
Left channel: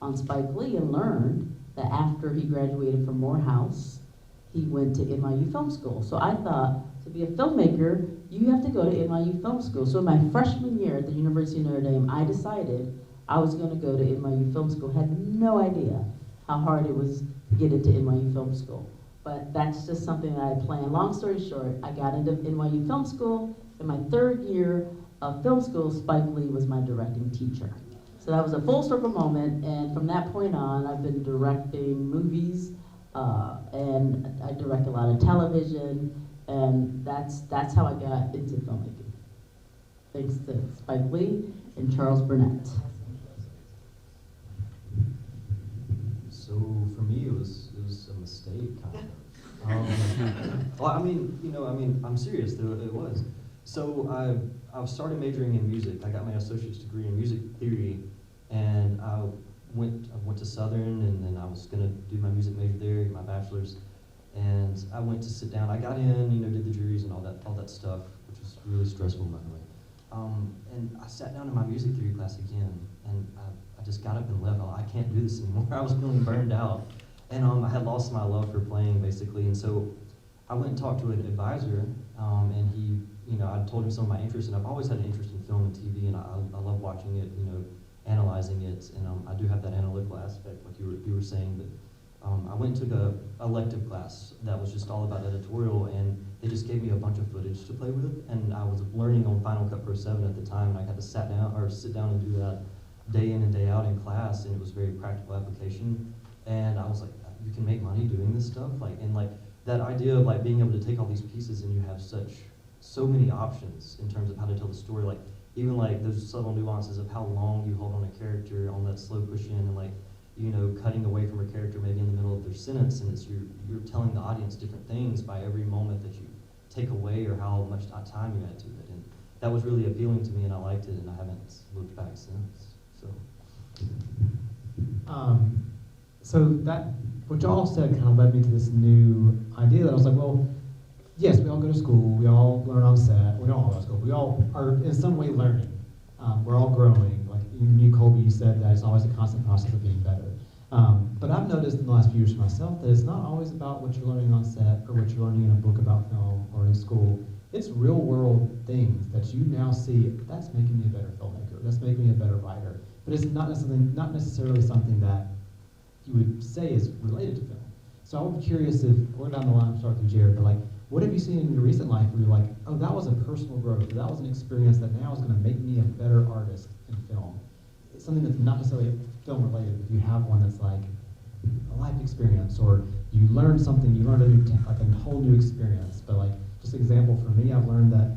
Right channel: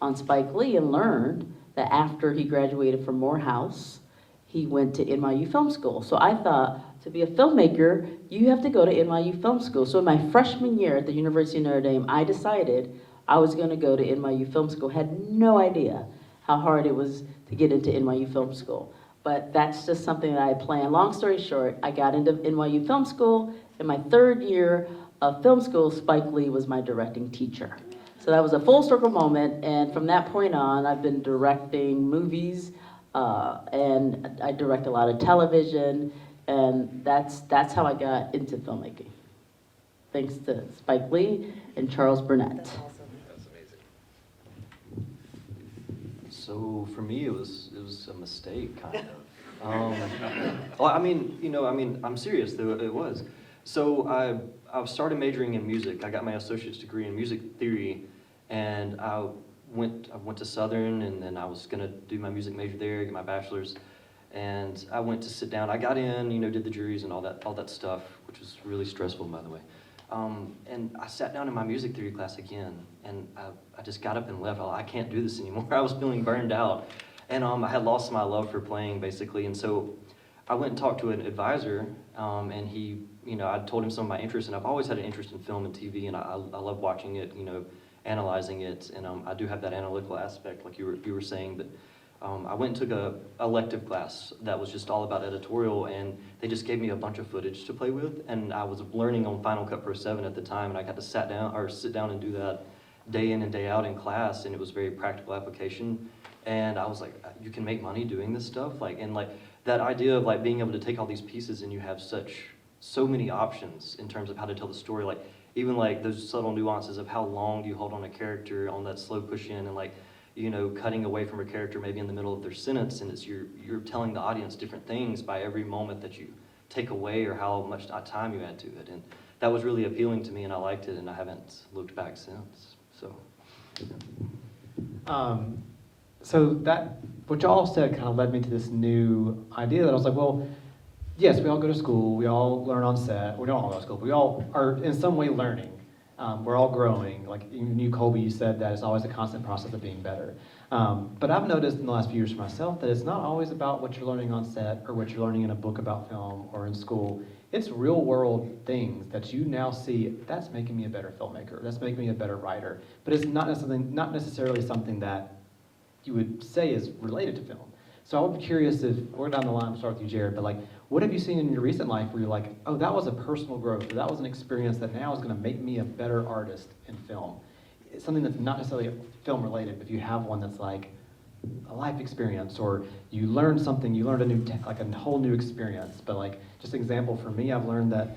on Spike Lee and learned that after he graduated from Morehouse, he went to NYU Film School. So I thought, to be a filmmaker, you have to go to NYU Film School. So in my freshman year at the University of Notre Dame, I decided I was gonna go to NYU Film School. Had no idea how hard it was to get into NYU Film School. But that's just something that I planned. Long story short, I got into NYU Film School. In my 3rd year of film school, Spike Lee was my directing teacher. So that was a full circle moment, and from that point on, I've been directing movies, and I direct a lot of television, and that's how I got into filmmaking. Thanks to Spike Lee and Charles Burnett. That's amazing. So for me, it was a mistake, kind of. Well, I'm serious though. It was. So I started majoring in music. I got my associate's degree in music theory, and I went to Southern, and then I was gonna do my music major there, get my bachelor's, and I went to sit down. I got in, did the juries and all that stuff, which was really stressful, by the way. And I sat down in my music theory class again, and I just got up and left. I can't do this anymore. I was feeling burned out, and I had lost my love for playing, basically. And so I went and talked to an advisor, and he, I told him some of my interests, and I've always had an interest in film and TV, and I love watching it, analyzing it, and I do have that analytical aspect, like you were saying. But I went and took a elective class that was just all about editorial, and they just gave me a bunch of footage to play with, and I was learning on Final Cut Pro 7 at the time, and I got to sit down and do that day in and day out in class, and it was very practical application. And I was like, you can make money doing this stuff, and that idea of being able to take all these pieces and you have so many options in terms of how to tell the story, even those subtle nuances of how long do you hold on a character on that slow push in, and you know, cutting away from a character maybe in the middle of their sentence, and it's you're telling the audience different things by every moment that you take away or how much time you add to it. And that was really appealing to me, and I liked it, and I haven't looked back since. So. So that, what y'all said kind of led me to this new idea that I was like, well, yes, we all go to school, we all learn on set, we don't all go to school, but we all are in some way learning. We're all growing. Like you, Colby, you said that it's always a constant process of being better. But I've noticed in the last few years for myself that it's not always about what you're learning on set or what you're learning in a book about film or in school. It's real world things that you now see, that's making me a better filmmaker, that's making me a better writer. But it's not necessarily something that you would say is related to film. So I'm curious if, we're down the line, we'll start with you, Jared, but like, what have you seen in your recent life where you're like, oh, that was a personal growth, or that was an experience that now is gonna make me a better artist in film? It's something that's not necessarily film related, but if you have one that's like a life experience, or you learned something, you learned a new, like a whole new experience, but like, just an example for me, I've learned that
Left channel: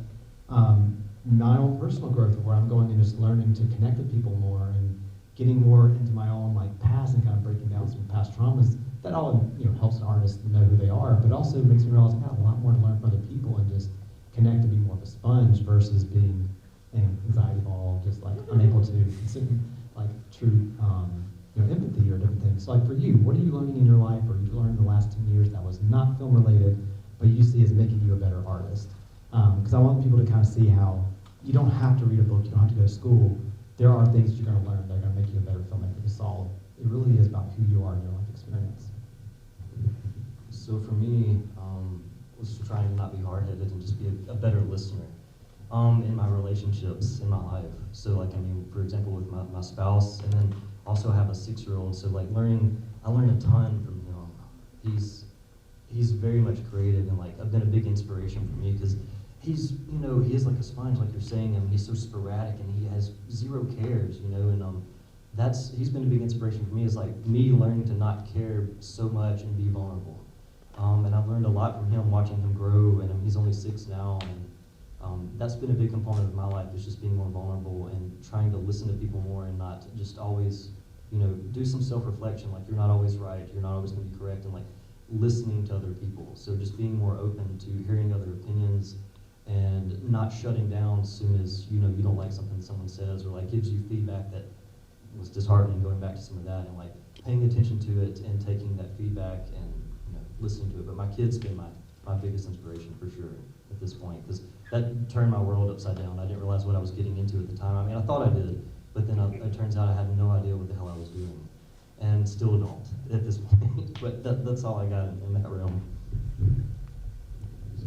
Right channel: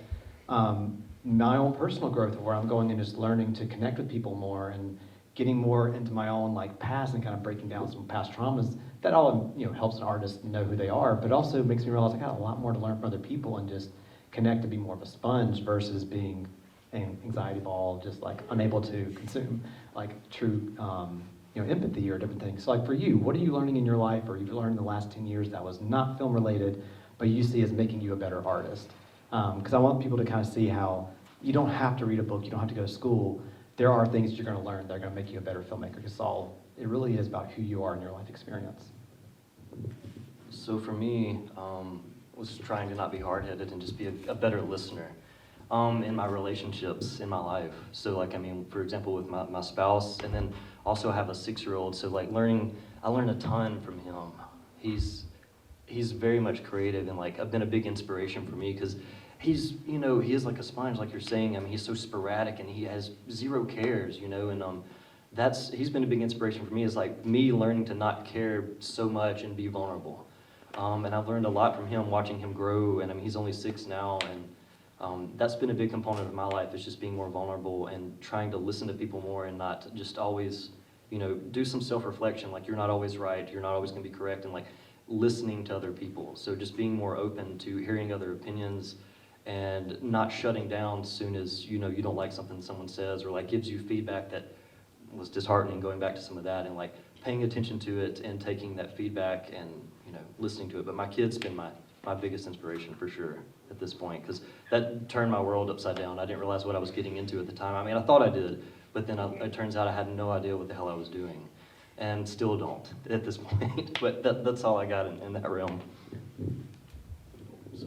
my own personal growth of where I'm going and just learning to connect with people more and getting more into my own like past and kind of breaking down some past traumas, that all, you know, helps an artist know who they are, but also makes me realize I got a lot more to learn from other people and just connect to be more of a sponge versus being an anxiety ball, just like unable to consume like true you know, empathy or different things. So like for you, what are you learning in your life or you've learned in the last 10 years that was not film related, but you see as making you a better artist? Because I want people to kind of see how you don't have to read a book, you don't have to go to school. There are things you're going to learn that are going to make you a better filmmaker, because it really is about who you are in your life experience. So for me, was trying to not be hard-headed and just be a better listener in my relationships, in my life. So like, I mean, for example, with my spouse, and then also have a 6-year-old, so like I learned a ton from him. He's very much creative, and like, I've been a big inspiration for me, because he's, you know, he is like a sponge, like you're saying. I mean, he's so sporadic, and he has zero cares, you know, and he's been a big inspiration for me, is like me learning to not care so much and be vulnerable. And I've learned a lot from him, watching him grow, and I mean, he's only 6 now, and that's been a big component of my life, is just being more vulnerable and trying to listen to people more and not just always, you know, do some self-reflection, like you're not always right, you're not always gonna be correct, and like listening to other people. So just being more open to hearing other opinions and not shutting down as soon as, you know, you don't like something someone says or like gives you feedback that was disheartening, going back to some of that, and like paying attention to it and taking that feedback and, you know, listening to it. But my kid's been my biggest inspiration for sure at this point, because that turned my world upside down. I didn't realize what I was getting into at the time. I mean, I thought I did, but then it turns out I had no idea what the hell I was doing, and still don't at this point. But that's all I got in that realm.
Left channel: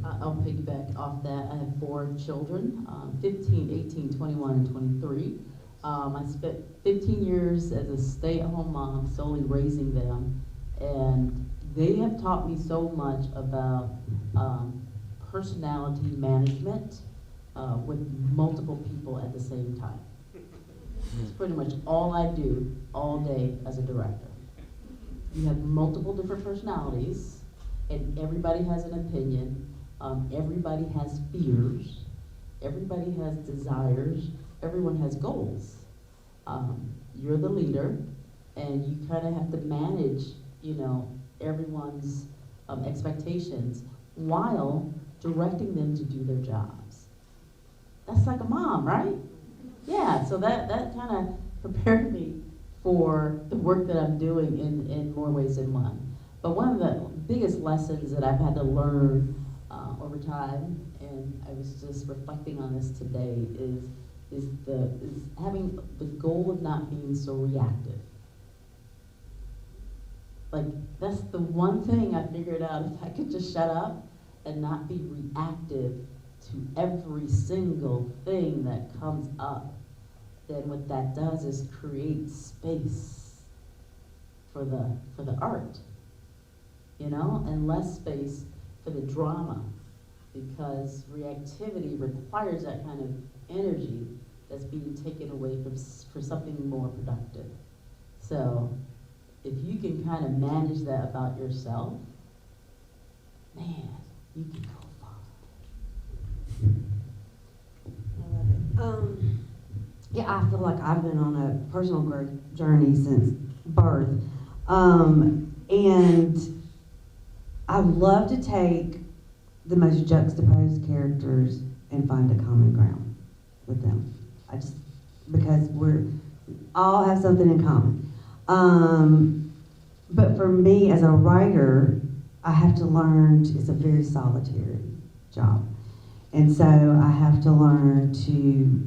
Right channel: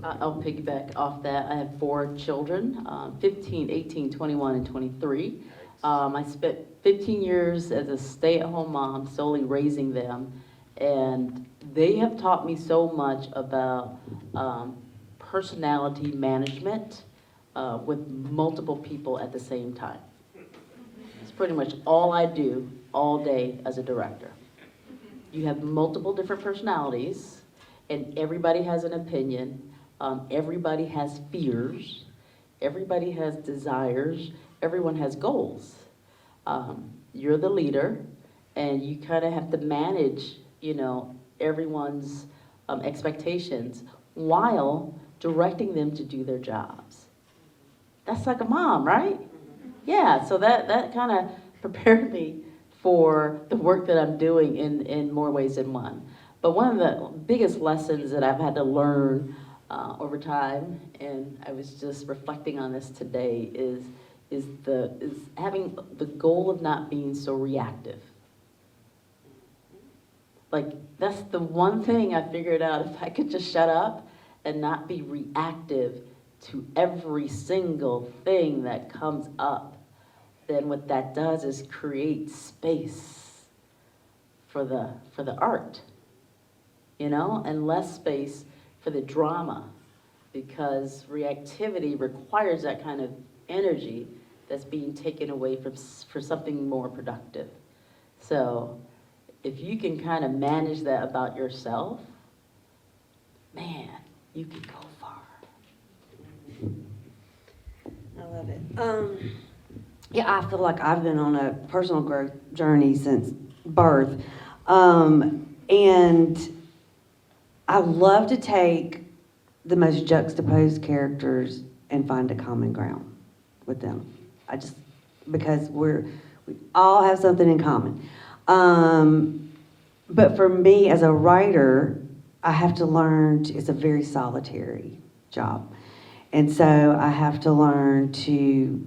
I'll piggyback off that. I have 4 children, 15, 18, 21, and 23. I spent 15 years as a stay-at-home mom, solely raising them, and they have taught me so much about personality management with multiple people at the same time. It's pretty much all I do all day as a director. You have multiple different personalities, and everybody has an opinion. Everybody has fears. Everybody has desires. Everyone has goals. You're the leader, and you kind of have to manage, you know, everyone's expectations while directing them to do their jobs. That's like a mom, right? Yeah, so that kind of prepared me for the work that I'm doing in more ways than one. But one of the biggest lessons that I've had to learn over time, and I was just reflecting on this today, is having the goal of not being so reactive. Like, that's the one thing I figured out. If I could just shut up and not be reactive to every single thing that comes up, then what that does is create space for the art, you know, and less space for the drama, because reactivity requires that kind of energy that's being taken away for something more productive. So if you can kind of manage that about yourself, man, you can go far. I love it. Yeah, I feel like I've been on a personal growth journey since birth. And I love to take the most juxtaposed characters and find a common ground with them. Because we all have something in common. But for me as a writer, I have to learn, it's a very solitary job. And so I have to learn to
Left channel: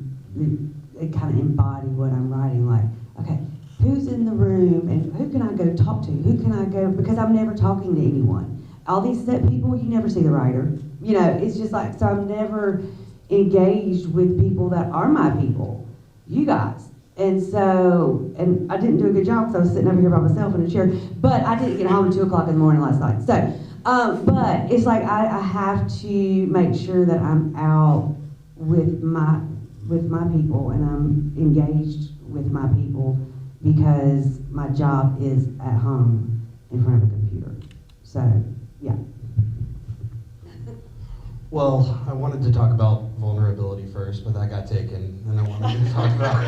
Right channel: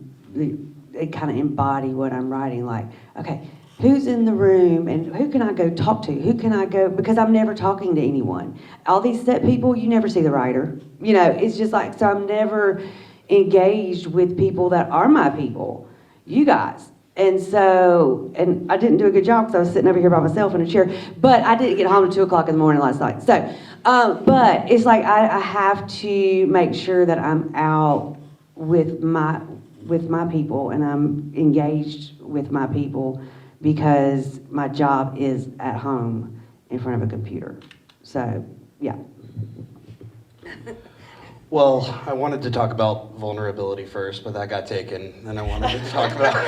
kind of embody what I'm writing. Like, okay, who's in the room and who can I go talk to? Who can I go, because I'm never talking to anyone. All these set people, you never see the writer. You know, it's just like, so I'm never engaged with people that are my people, you guys. And so, and I didn't do a good job because I was sitting over here by myself in a chair, but I didn't get home at 2 o'clock in the morning last night. So, but it's like I have to make sure that I'm out with my people and I'm engaged with my people, because my job is at home in front of a computer. So, yeah. Well, I wanted to talk about vulnerability first, but that got taken. Then I wanted to talk about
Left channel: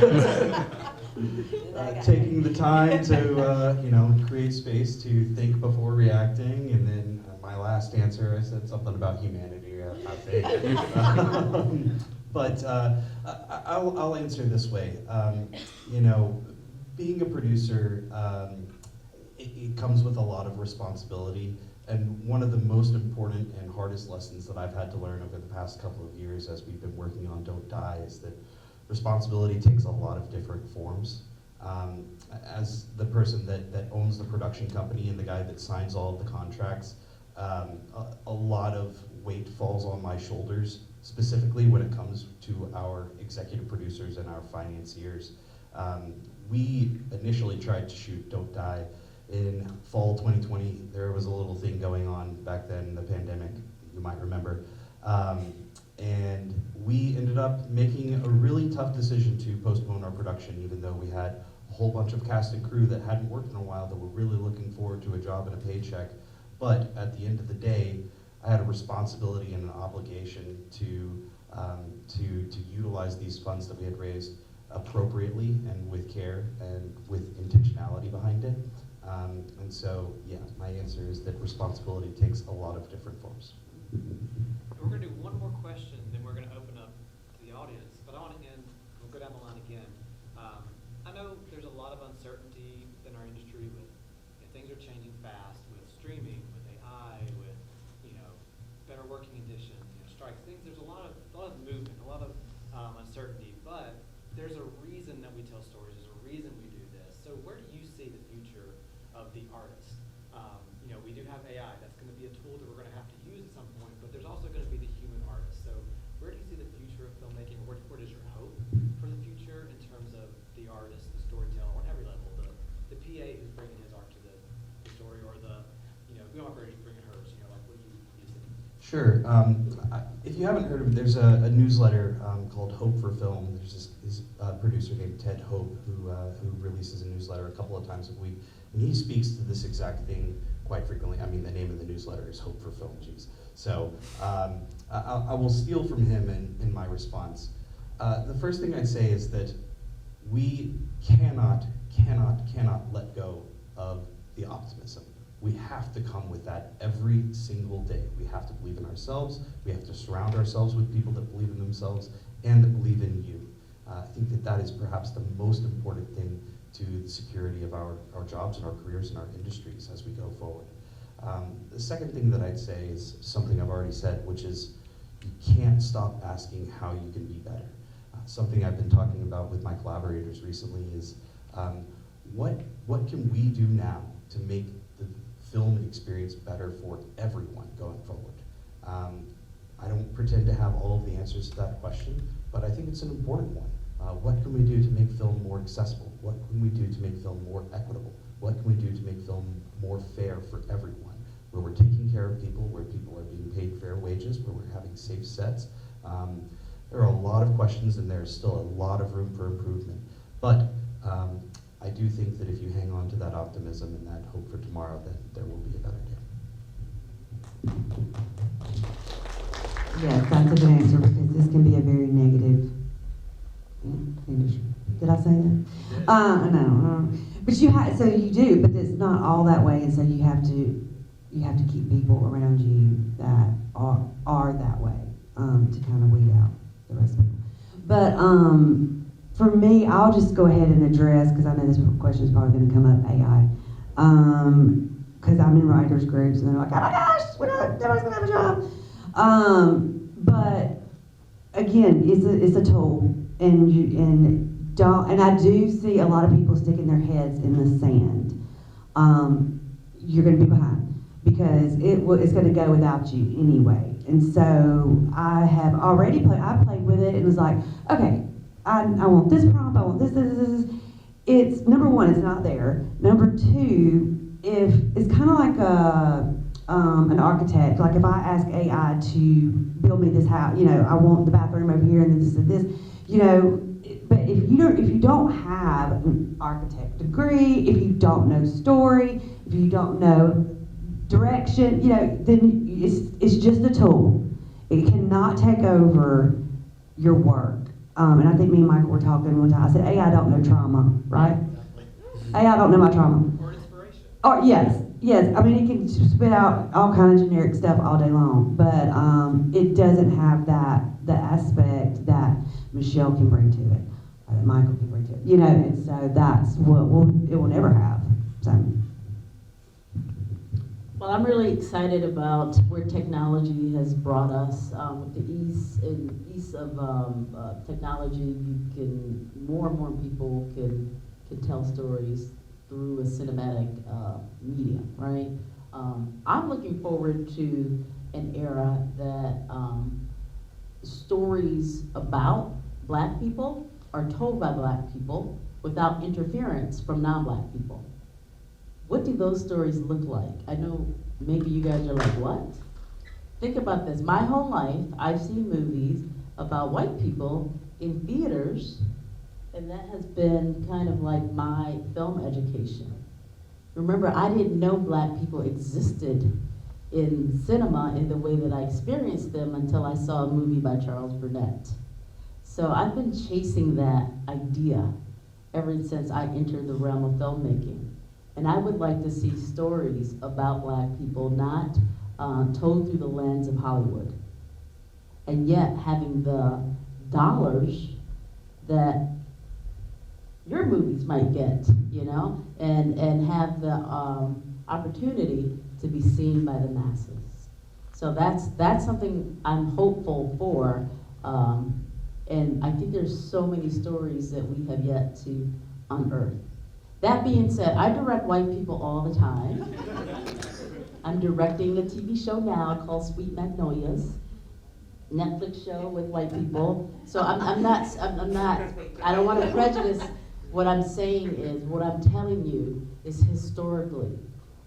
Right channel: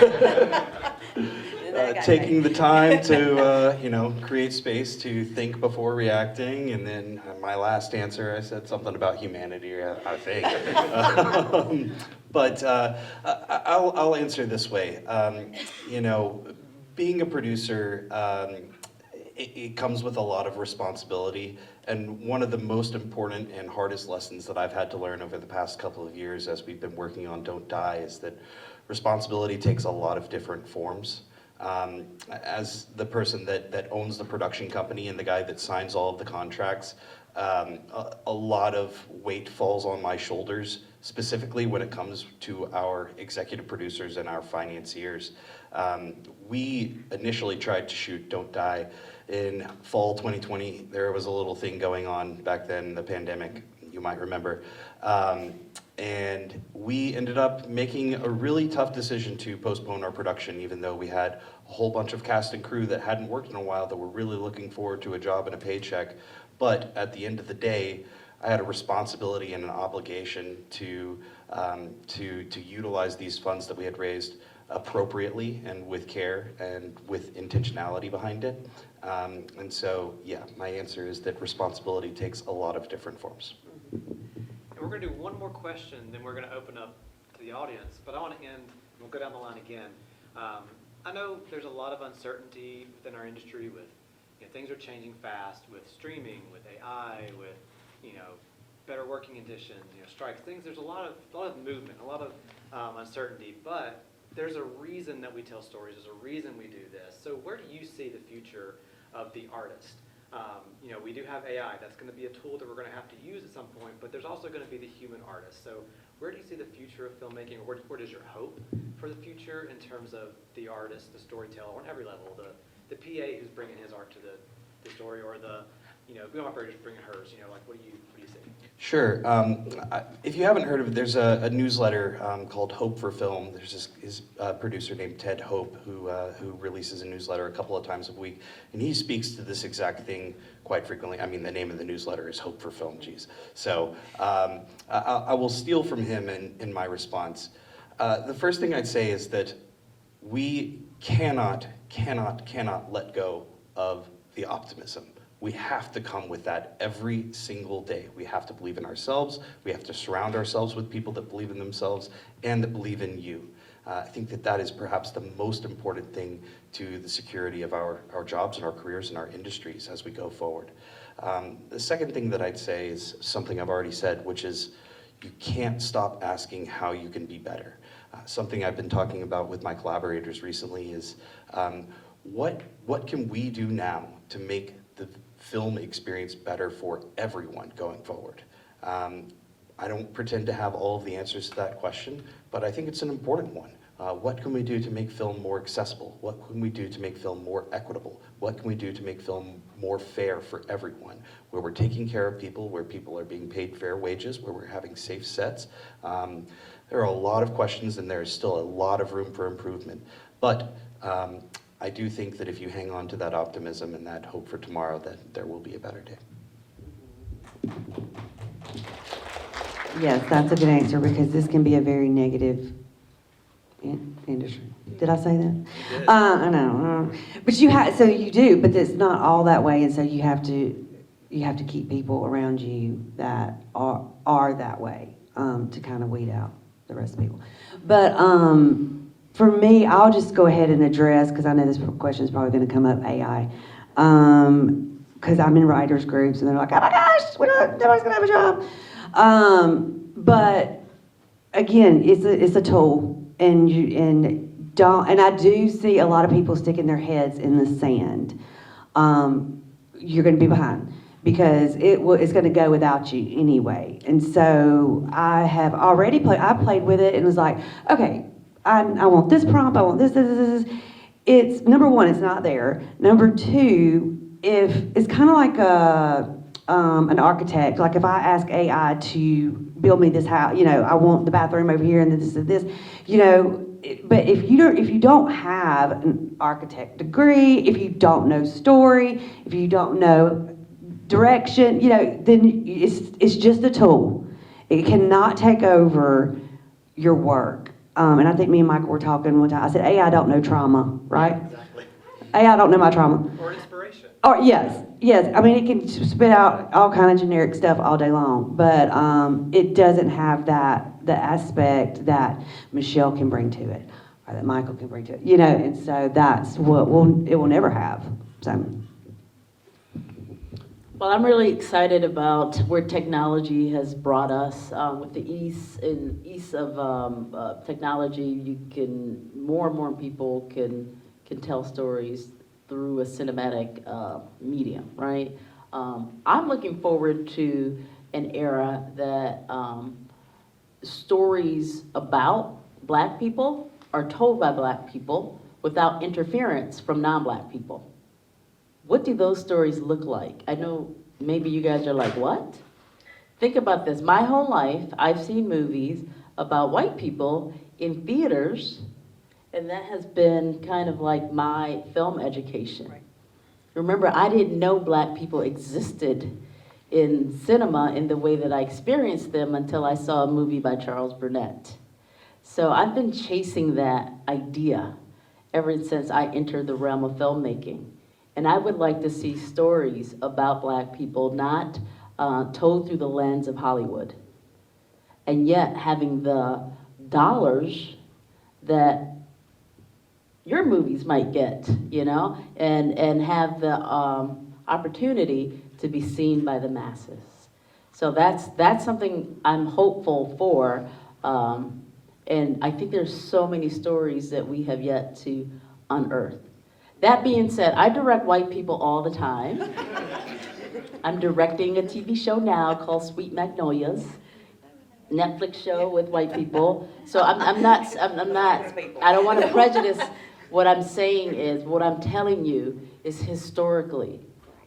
taking the time to, create space to think before reacting. And then my last answer, I said something about humanity, I think. But I'll answer this way. Being a producer, it comes with a lot of responsibility. And one of the most important and hardest lessons that I've had to learn over the past couple of years as we've been working on Don't Die is that responsibility takes a lot of different forms. As the person that owns the production company and the guy that signs all of the contracts, a lot of weight falls on my shoulders, specifically when it comes to our executive producers and our financiers. We initially tried to shoot Don't Die in fall 2020. There was a little thing going on back then, the pandemic, you might remember. And we ended up making a really tough decision to postpone our production, even though we had a whole bunch of cast and crew that hadn't worked in a while that were really looking forward to a job and a paycheck. But at the end of the day, I had a responsibility and an obligation to utilize these funds that we had raised appropriately and with care and with intentionality behind it. And so, yeah, my answer is that responsibility takes a lot of different forms. And we're going to do one more question, then we're going to open up to the audience. But I want to end, we'll go down the line again. I know there's a lot of uncertainty within our industry with, things are changing fast with streaming, with AI, with, better working conditions, strikes, things. There's a lot of movement, a lot of uncertainty, but there's a reason that we tell stories. There's a reason we do this. So where do you see the future of the artist? We do have AI. That's going to be a tool that we're going to have to use at some point, but there's also going to be the human artist. So where do you see the future of filmmaking? Where is your hope for the future in terms of the artist, the storyteller, on every level, the PA who's bringing his art to the story, or the, film operator's bringing hers, what do you see? Sure. If you haven't heard of it, there's a newsletter called Hope for Film. There's this producer named Ted Hope who releases a newsletter a couple of times a week, and he speaks to this exact thing quite frequently. I mean, the name of the newsletter is Hope for Film, geez. So I will steal from him in my response. The first thing I'd say is that we cannot let go of the optimism. We have to come with that every single day. We have to believe in ourselves. We have to surround ourselves with people that believe in themselves and that believe in you. I think that is perhaps the most important thing to the security of our jobs and our careers and our industries as we go forward. The second thing that I'd say is something I've already said, which is you can't stop asking how you can be better. Something I've been talking about with my collaborators recently is what can we do now to make the film experience better for everyone going forward? I don't pretend to have all of the answers to that question, but I think it's an important one. What can we do to make film more accessible? What can we do to make film more equitable? What can we do to make film more fair for everyone? Where we're taking care of people, where people are being paid fair wages, where we're having safe sets. There are a lot of questions, and there's still a lot of room for improvement. But I do think that if you hang on to that optimism and that hope for tomorrow, that there will be a better day. Yes, that's a good answer, because this can be a very negative industry. Did I say that? did. I know. But you have, so you do, but it's not all that way, and so you have to keep people around you that are that way, to kind of weed out the rest of people. But for me, I'll just go ahead and address, because I know this question is probably going to come up, AI. Because I'm in writers groups, and they're like, oh my gosh, nobody's going to have a job. But again, it's a tool, and I do see a lot of people sticking their heads in the sand. You're going to be behind, because it's going to go without you anyway. And so I have already played with it and was like, okay, I want this prompt, I want this. It's, number one, it's not there. Number two, if it's kind of like an architect, like if I ask AI to build me this house, I want the bathroom over here and this and this, but if you don't have an architect degree, if you don't know story, if you don't know direction, then it's just a tool. It cannot take over your work. And I think me and Michael were talking one time. I said, AI don't know trauma, right? Exactly. AI don't know my trauma. Or inspiration. Or yes. I mean, it can spit out all kind of generic stuff all day long, but it doesn't have the aspect that Michele can bring to it, or that Michael can bring to it. And so that's what it will never have. So. Well, I'm really excited about where technology has brought us. With the ease of technology, more and more people can tell stories through a cinematic medium, right? I'm looking forward to an era that stories about Black people are told by Black people without interference from non-Black people. What do those stories look like? I know maybe you guys are like, what? Think about this. My whole life, I've seen movies about white people in theaters, and that has been kind of like my film education. Right. Remember, I didn't know Black people existed in cinema in the way that I experienced them until I saw a movie by Charles Burnett. So I've been chasing that idea ever since I entered the realm of filmmaking. And I would like to see stories about Black people not told through the lens of Hollywood, and yet having the dollars that your movies might get, and have the opportunity to be seen by the masses. So that's something I'm hopeful for, and I think there's so many stories that we have yet to unearth. That being said, I direct white people all the time. I'm directing a TV show now called Sweet Magnolias, Netflix show with white people. So I'm not, I don't want to prejudice. What I'm saying is, what I'm telling you is historically,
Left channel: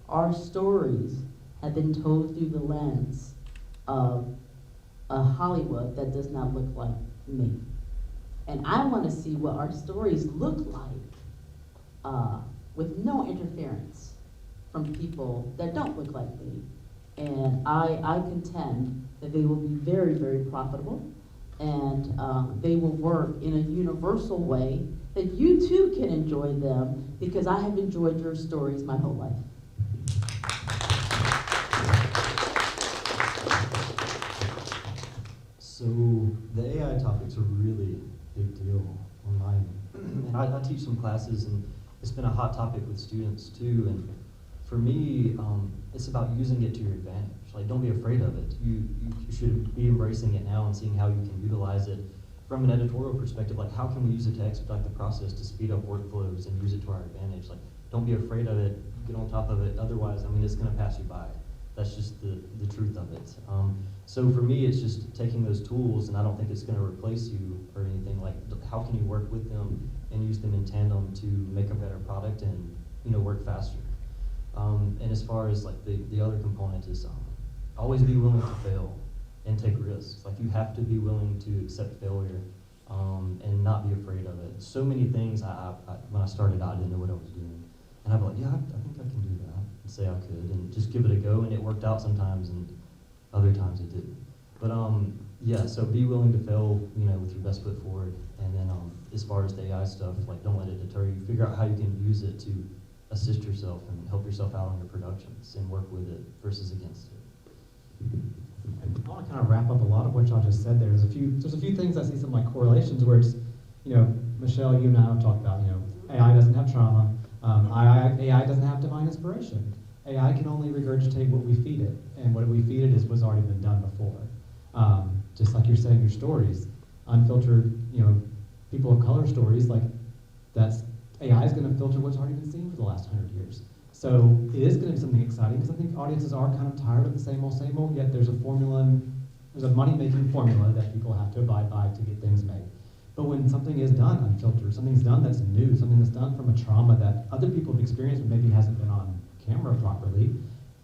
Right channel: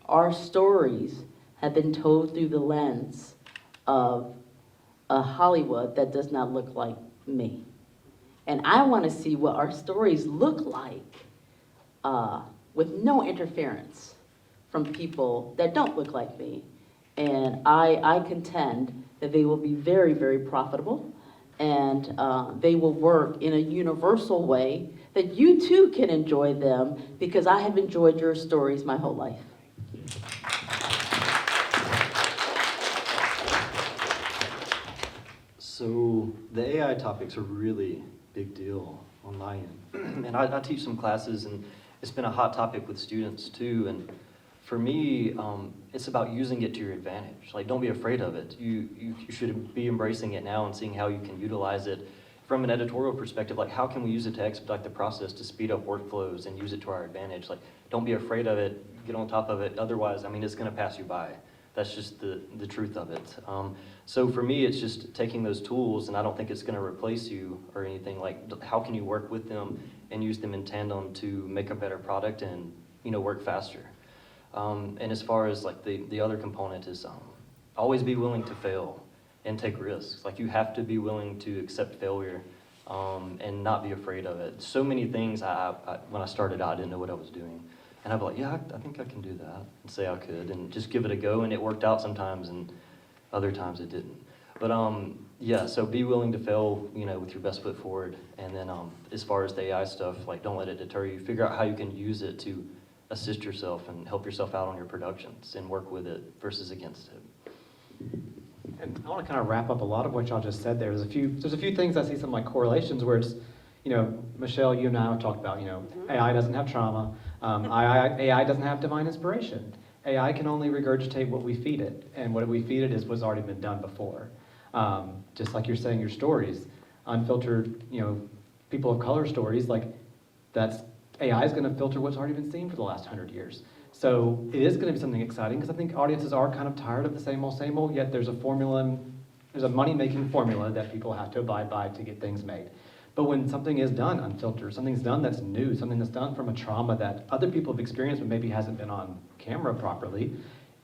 our stories have been told through the lens of a Hollywood that does not look like me. And I want to see what our stories look like with no interference from people that don't look like me. And I contend that they will be very, very profitable, and they will work in a universal way that you too can enjoy them, because I have enjoyed your stories my whole life. So the AI topic's a really big deal on my end. And I teach some classes, and it's been a hot topic with students too. And for me, it's about using it to your advantage. Like, don't be afraid of it. You should be embracing it now and seeing how you can utilize it from an editorial perspective. Like, how can we use it to expedite the process, to speed up workflows and use it to our advantage? Like, don't be afraid of it, get on top of it. Otherwise, I mean, it's gonna pass you by. That's just the truth of it. So for me, it's just taking those tools, and I don't think it's gonna replace you or anything. Like, how can you work with them and use them in tandem to make a better product and, work faster? And as far as like the other component is always be willing to fail and take risks. Like, you have to be willing to accept failure and not be afraid of it. So many things when I started out, I didn't know what I was doing. And I'd be like, yeah, I think I can do that, and say I could, and just give it a go, and it worked out sometimes, and other times it didn't. But Yeah, so be willing to fail, with your best foot forward. And then as far as the AI stuff, like don't let it deter you. Figure out how you can use it to assist yourself and help yourself out on your productions and work with it versus against it. And I want to kind of wrap up a lot of what y'all just said there. There's a few things I see some like correlations where it's, Michele, you and I have talked about, AI doesn't have trauma. AI doesn't have divine inspiration. AI can only regurgitate what we feed it, and what we feed it is what's already been done before. Just like you're saying, your stories, unfiltered, people of color stories, like that's AI is going to filter what's already been seen for the last 100 years. So it is going to be something exciting because I think audiences are kind of tired of the same old, yet there's a formula, there's a money-making formula that people have to abide by to get things made. But when something is done unfiltered, something's done that's new, something that's done from a trauma that other people have experienced but maybe hasn't been on camera properly,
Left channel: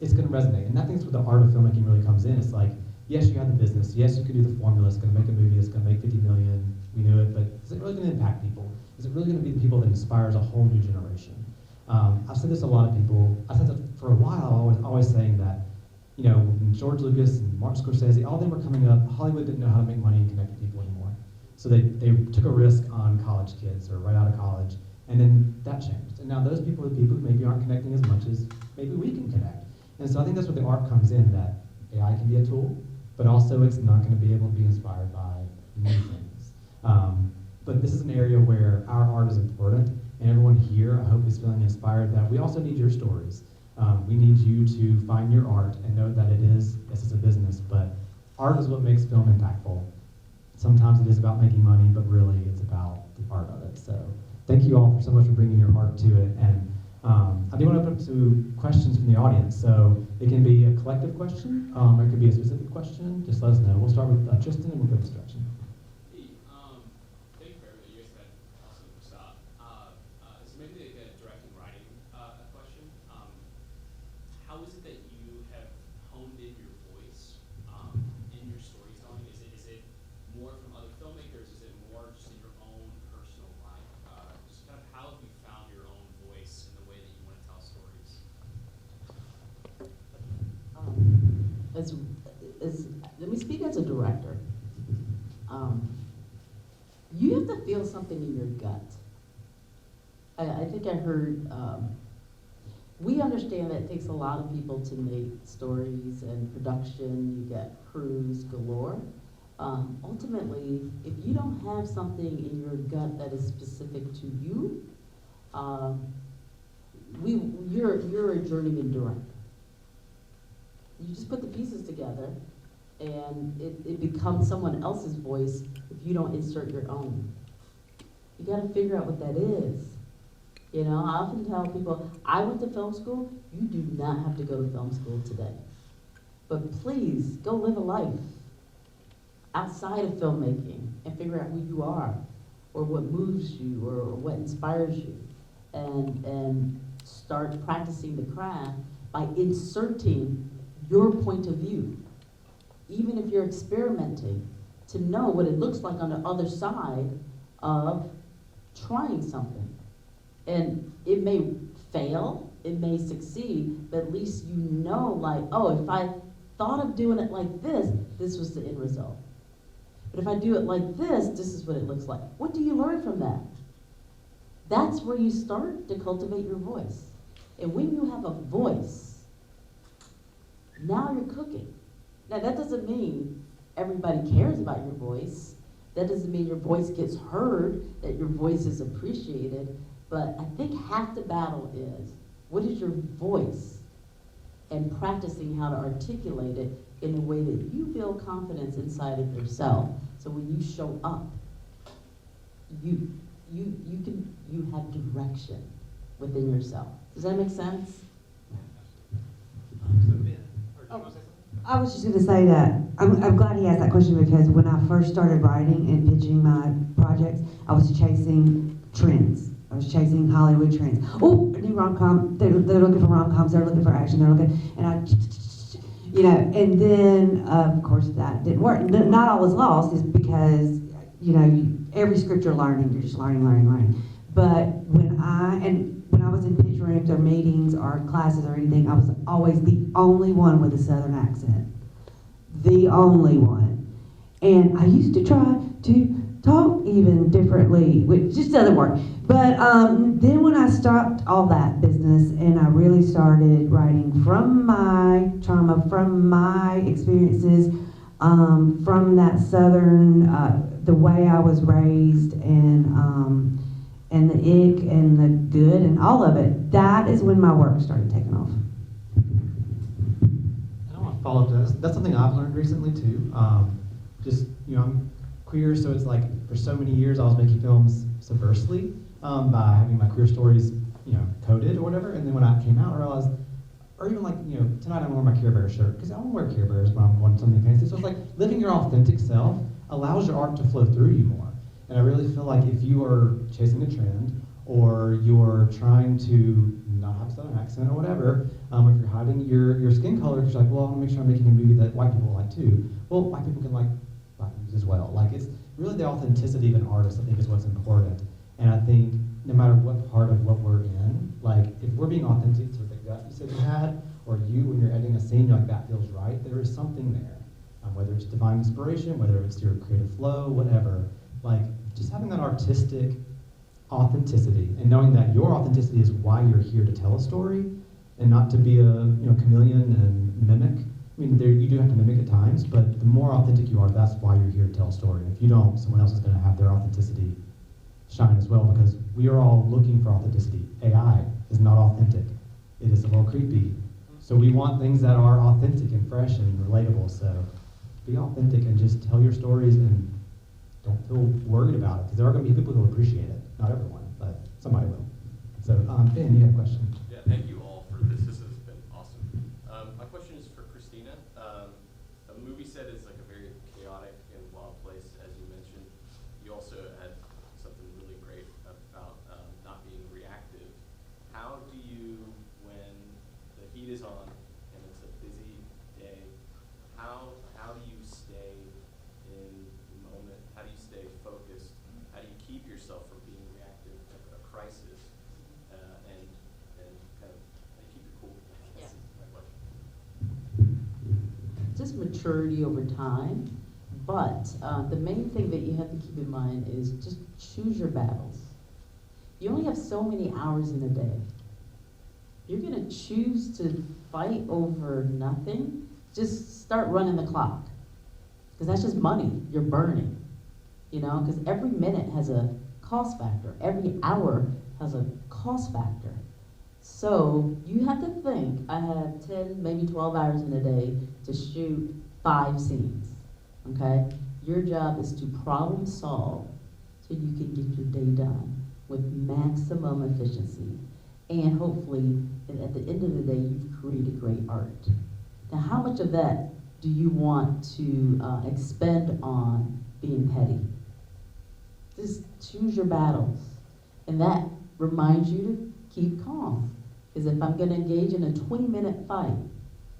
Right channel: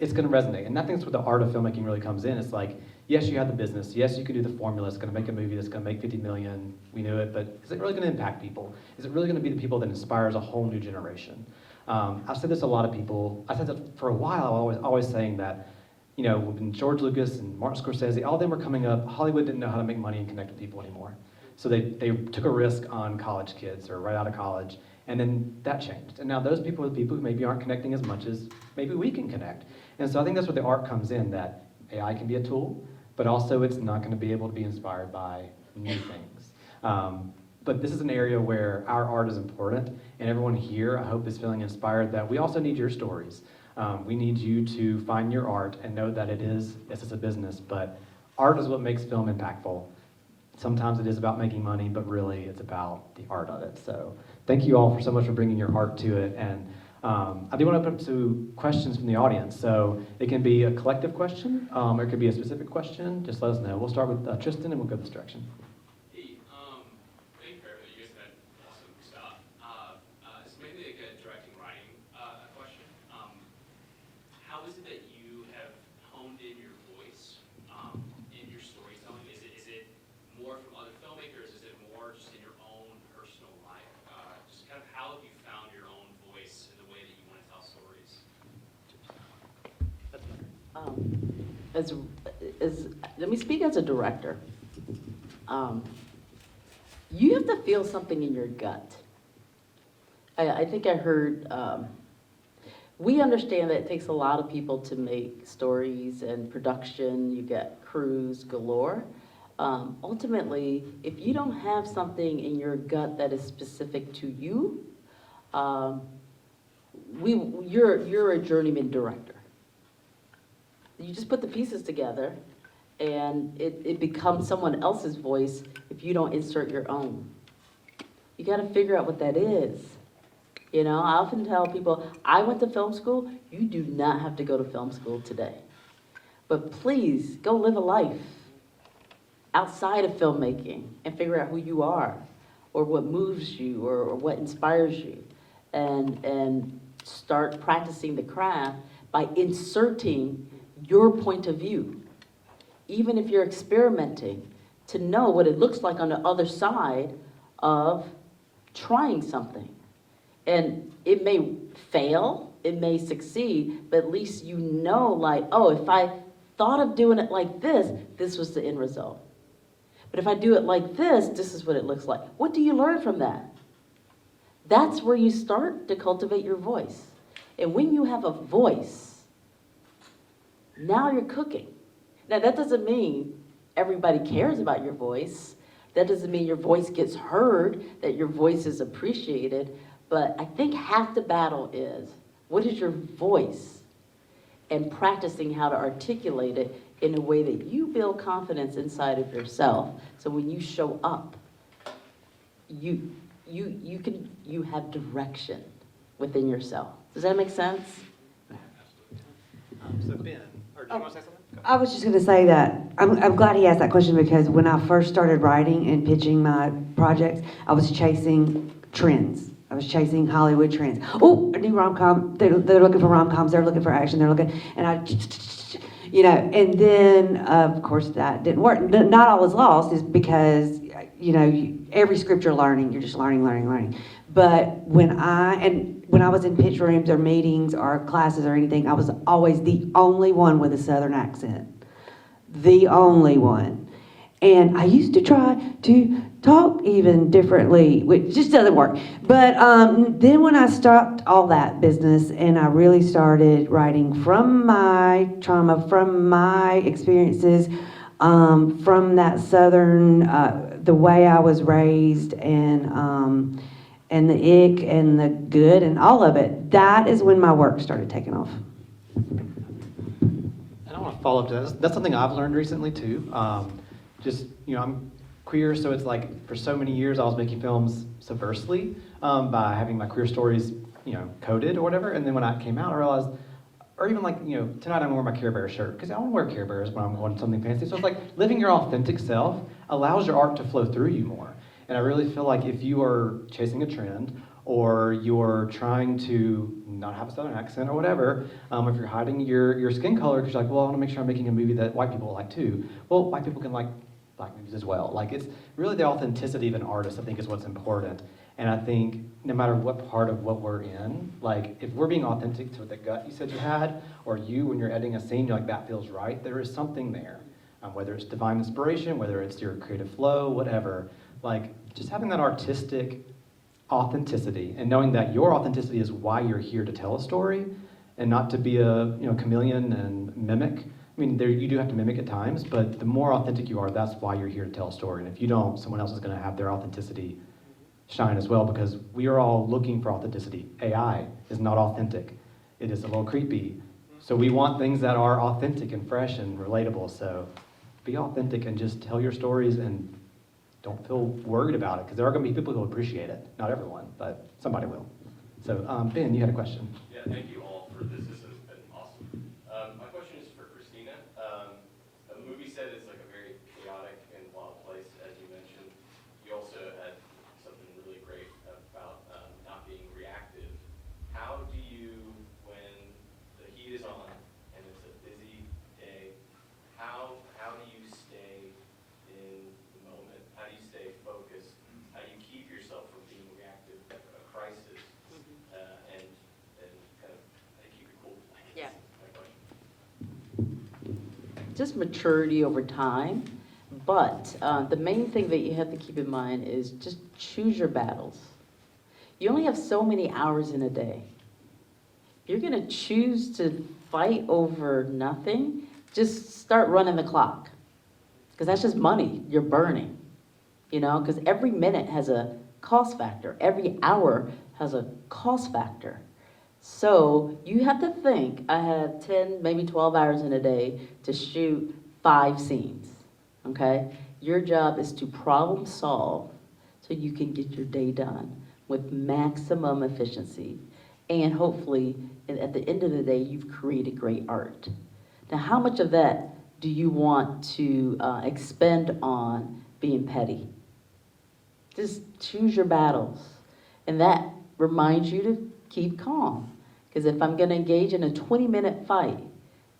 it's going to resonate. And I think that's where the art of filmmaking really comes in. It's like, yes, you have the business. Yes, you can do the formula. It's going to make a movie that's going to make 50 million. We knew it, but is it really going to impact people? Is it really going to be the people that inspires a whole new generation? I've said this to a lot of people. I said that for a while. I was always saying that, when George Lucas and Martin Scorsese, all of them were coming up, Hollywood didn't know how to make money and connect with people anymore. So they took a risk on college kids or right out of college, and then that changed. And now those people are the people who maybe aren't connecting as much as maybe we can connect. And so I think that's where the art comes in, that AI can be a tool, but also it's not going to be able to be inspired by new things. But this is an area where our art is important, and everyone here, I hope, is feeling inspired that we also need your stories. We need you to find your art and know that yes, it's a business, but art is what makes film impactful. Sometimes it is about making money, but really it's about the art of it. So thank you all so much for bringing your art to it. And I do want to open up to questions from the audience. So it can be a collective question, or it could be a specific question. Just let us know. We'll start with Tristan, and we'll go this direction. Hey, thank you for everything. You guys had awesome stuff. This may be like a directing writing question. How is it that you have honed in your voice in your storytelling? Is it more from other filmmakers? Is it more just in your own personal life? Just kind of how have you found your own voice in the way that you want to tell stories? Let me speak as a director. You have to feel something in your gut. I think I heard, we understand that it takes a lot of people to make stories and production. You get crews galore. Ultimately, if you don't have something in your gut that is specific to you, you're a journeyman director. You just put the pieces together, and it becomes someone else's voice if you don't insert your own. You got to figure out what that is. I often tell people, I went to film school. You do not have to go to film school today. But please, go live a life outside of filmmaking and figure out who you are, or what moves you, or what inspires you, and start practicing the craft by inserting your point of view. Even if you're experimenting, to know what it looks like on the other side of trying something. And it may fail, it may succeed, but at least you know, like, oh, if I thought of doing it like this was the end result. But if I do it like this is what it looks like. What do you learn from that? That's where you start to cultivate your voice. And when you have a voice, now you're cooking. Now that doesn't mean everybody cares about your voice. That doesn't mean your voice gets heard, that your voice is appreciated. But I think half the battle is, what is your voice? And practicing how to articulate it in a way that you build confidence inside of yourself. So when you show up, you have direction within yourself. Does that make sense? So Ben, or do you want to say something? I was just going to say that I'm glad he asked that question, because when I first started writing and pitching my projects, I was chasing trends. I was chasing Hollywood trends. Oh, a new rom-com. They're looking for rom-coms. They're looking for action. They're looking, and and then of course that didn't work. Not all is lost, is because every script you're learning, you're just learning. But when I was in pitch rooms or meetings or classes or anything, I was always the only one with a Southern accent. The only one. And I used to try to talk even differently, which just doesn't work. But then when I stopped all that business and I really started writing from my trauma, from my experiences, from that Southern, the way I was raised, and the ick and the good and all of it, that is when my work started taking off. And I want to follow up to that. That's something I've learned recently too. Just, I'm queer, so it's like for so many years I was making films subversively by having my queer stories, coded or whatever. And then when I came out, I realized, or even like, tonight I'm wearing my Care Bear shirt because I want to wear Care Bears when I'm wanting something fancy. So it's like living your authentic self allows your art to flow through you more. And I really feel like if you are chasing a trend, or you're trying to not have a Southern accent or whatever, if you're hiding your skin color because you're like, well, I want to make sure I'm making a movie that white people like too. Well, white people can like black movies as well. Like, it's really the authenticity of an artist, I think, is what's important. And I think no matter what part of what we're in, like if we're being authentic to the gut you said you had, or you when you're editing a scene, you're like, that feels right, there is something there. Whether it's divine inspiration, whether it's your creative flow, whatever, like just having that artistic authenticity and knowing that your authenticity is why you're here to tell a story and not to be a chameleon and mimic. I mean, you do have to mimic at times, but the more authentic you are, that's why you're here to tell a story. And if you don't, someone else is going to have their authenticity shine as well, because we are all looking for authenticity. AI is not authentic. It is a little creepy. So we want things that are authentic and fresh and relatable. So be authentic and just tell your stories and don't feel worried about it, because there are going to be people who will appreciate it. Not everyone, but somebody will. So Ben, you had a question. Yeah, thank you all for this. This has been awesome. My question is for Christina. A movie set is like a very chaotic and wild place, as you mentioned. You also had something really great about not being reactive. How do you, when the heat is on and it's a busy day, how do you stay in the moment? How do you stay focused? How do you keep yourself from being reactive to a crisis? And kind of keep it cool, I guess. Yeah. My question. Just maturity over time. But the main thing that you have to keep in mind is just choose your battles. You only have so many hours in a day. You're going to choose to fight over nothing, just start running the clock. Because that's just money you're burning. Because every minute has a cost factor. Every hour has a cost factor. So you have to think, I have 10, maybe 12 hours in a day to shoot 5 scenes, okay? Your job is to problem solve so you can get your day done with maximum efficiency. And hopefully, at the end of the day, you've created great art. Now, how much of that do you want to expend on being petty? Just choose your battles. And that reminds you to keep calm. Because if I'm going to engage in a 20-minute fight,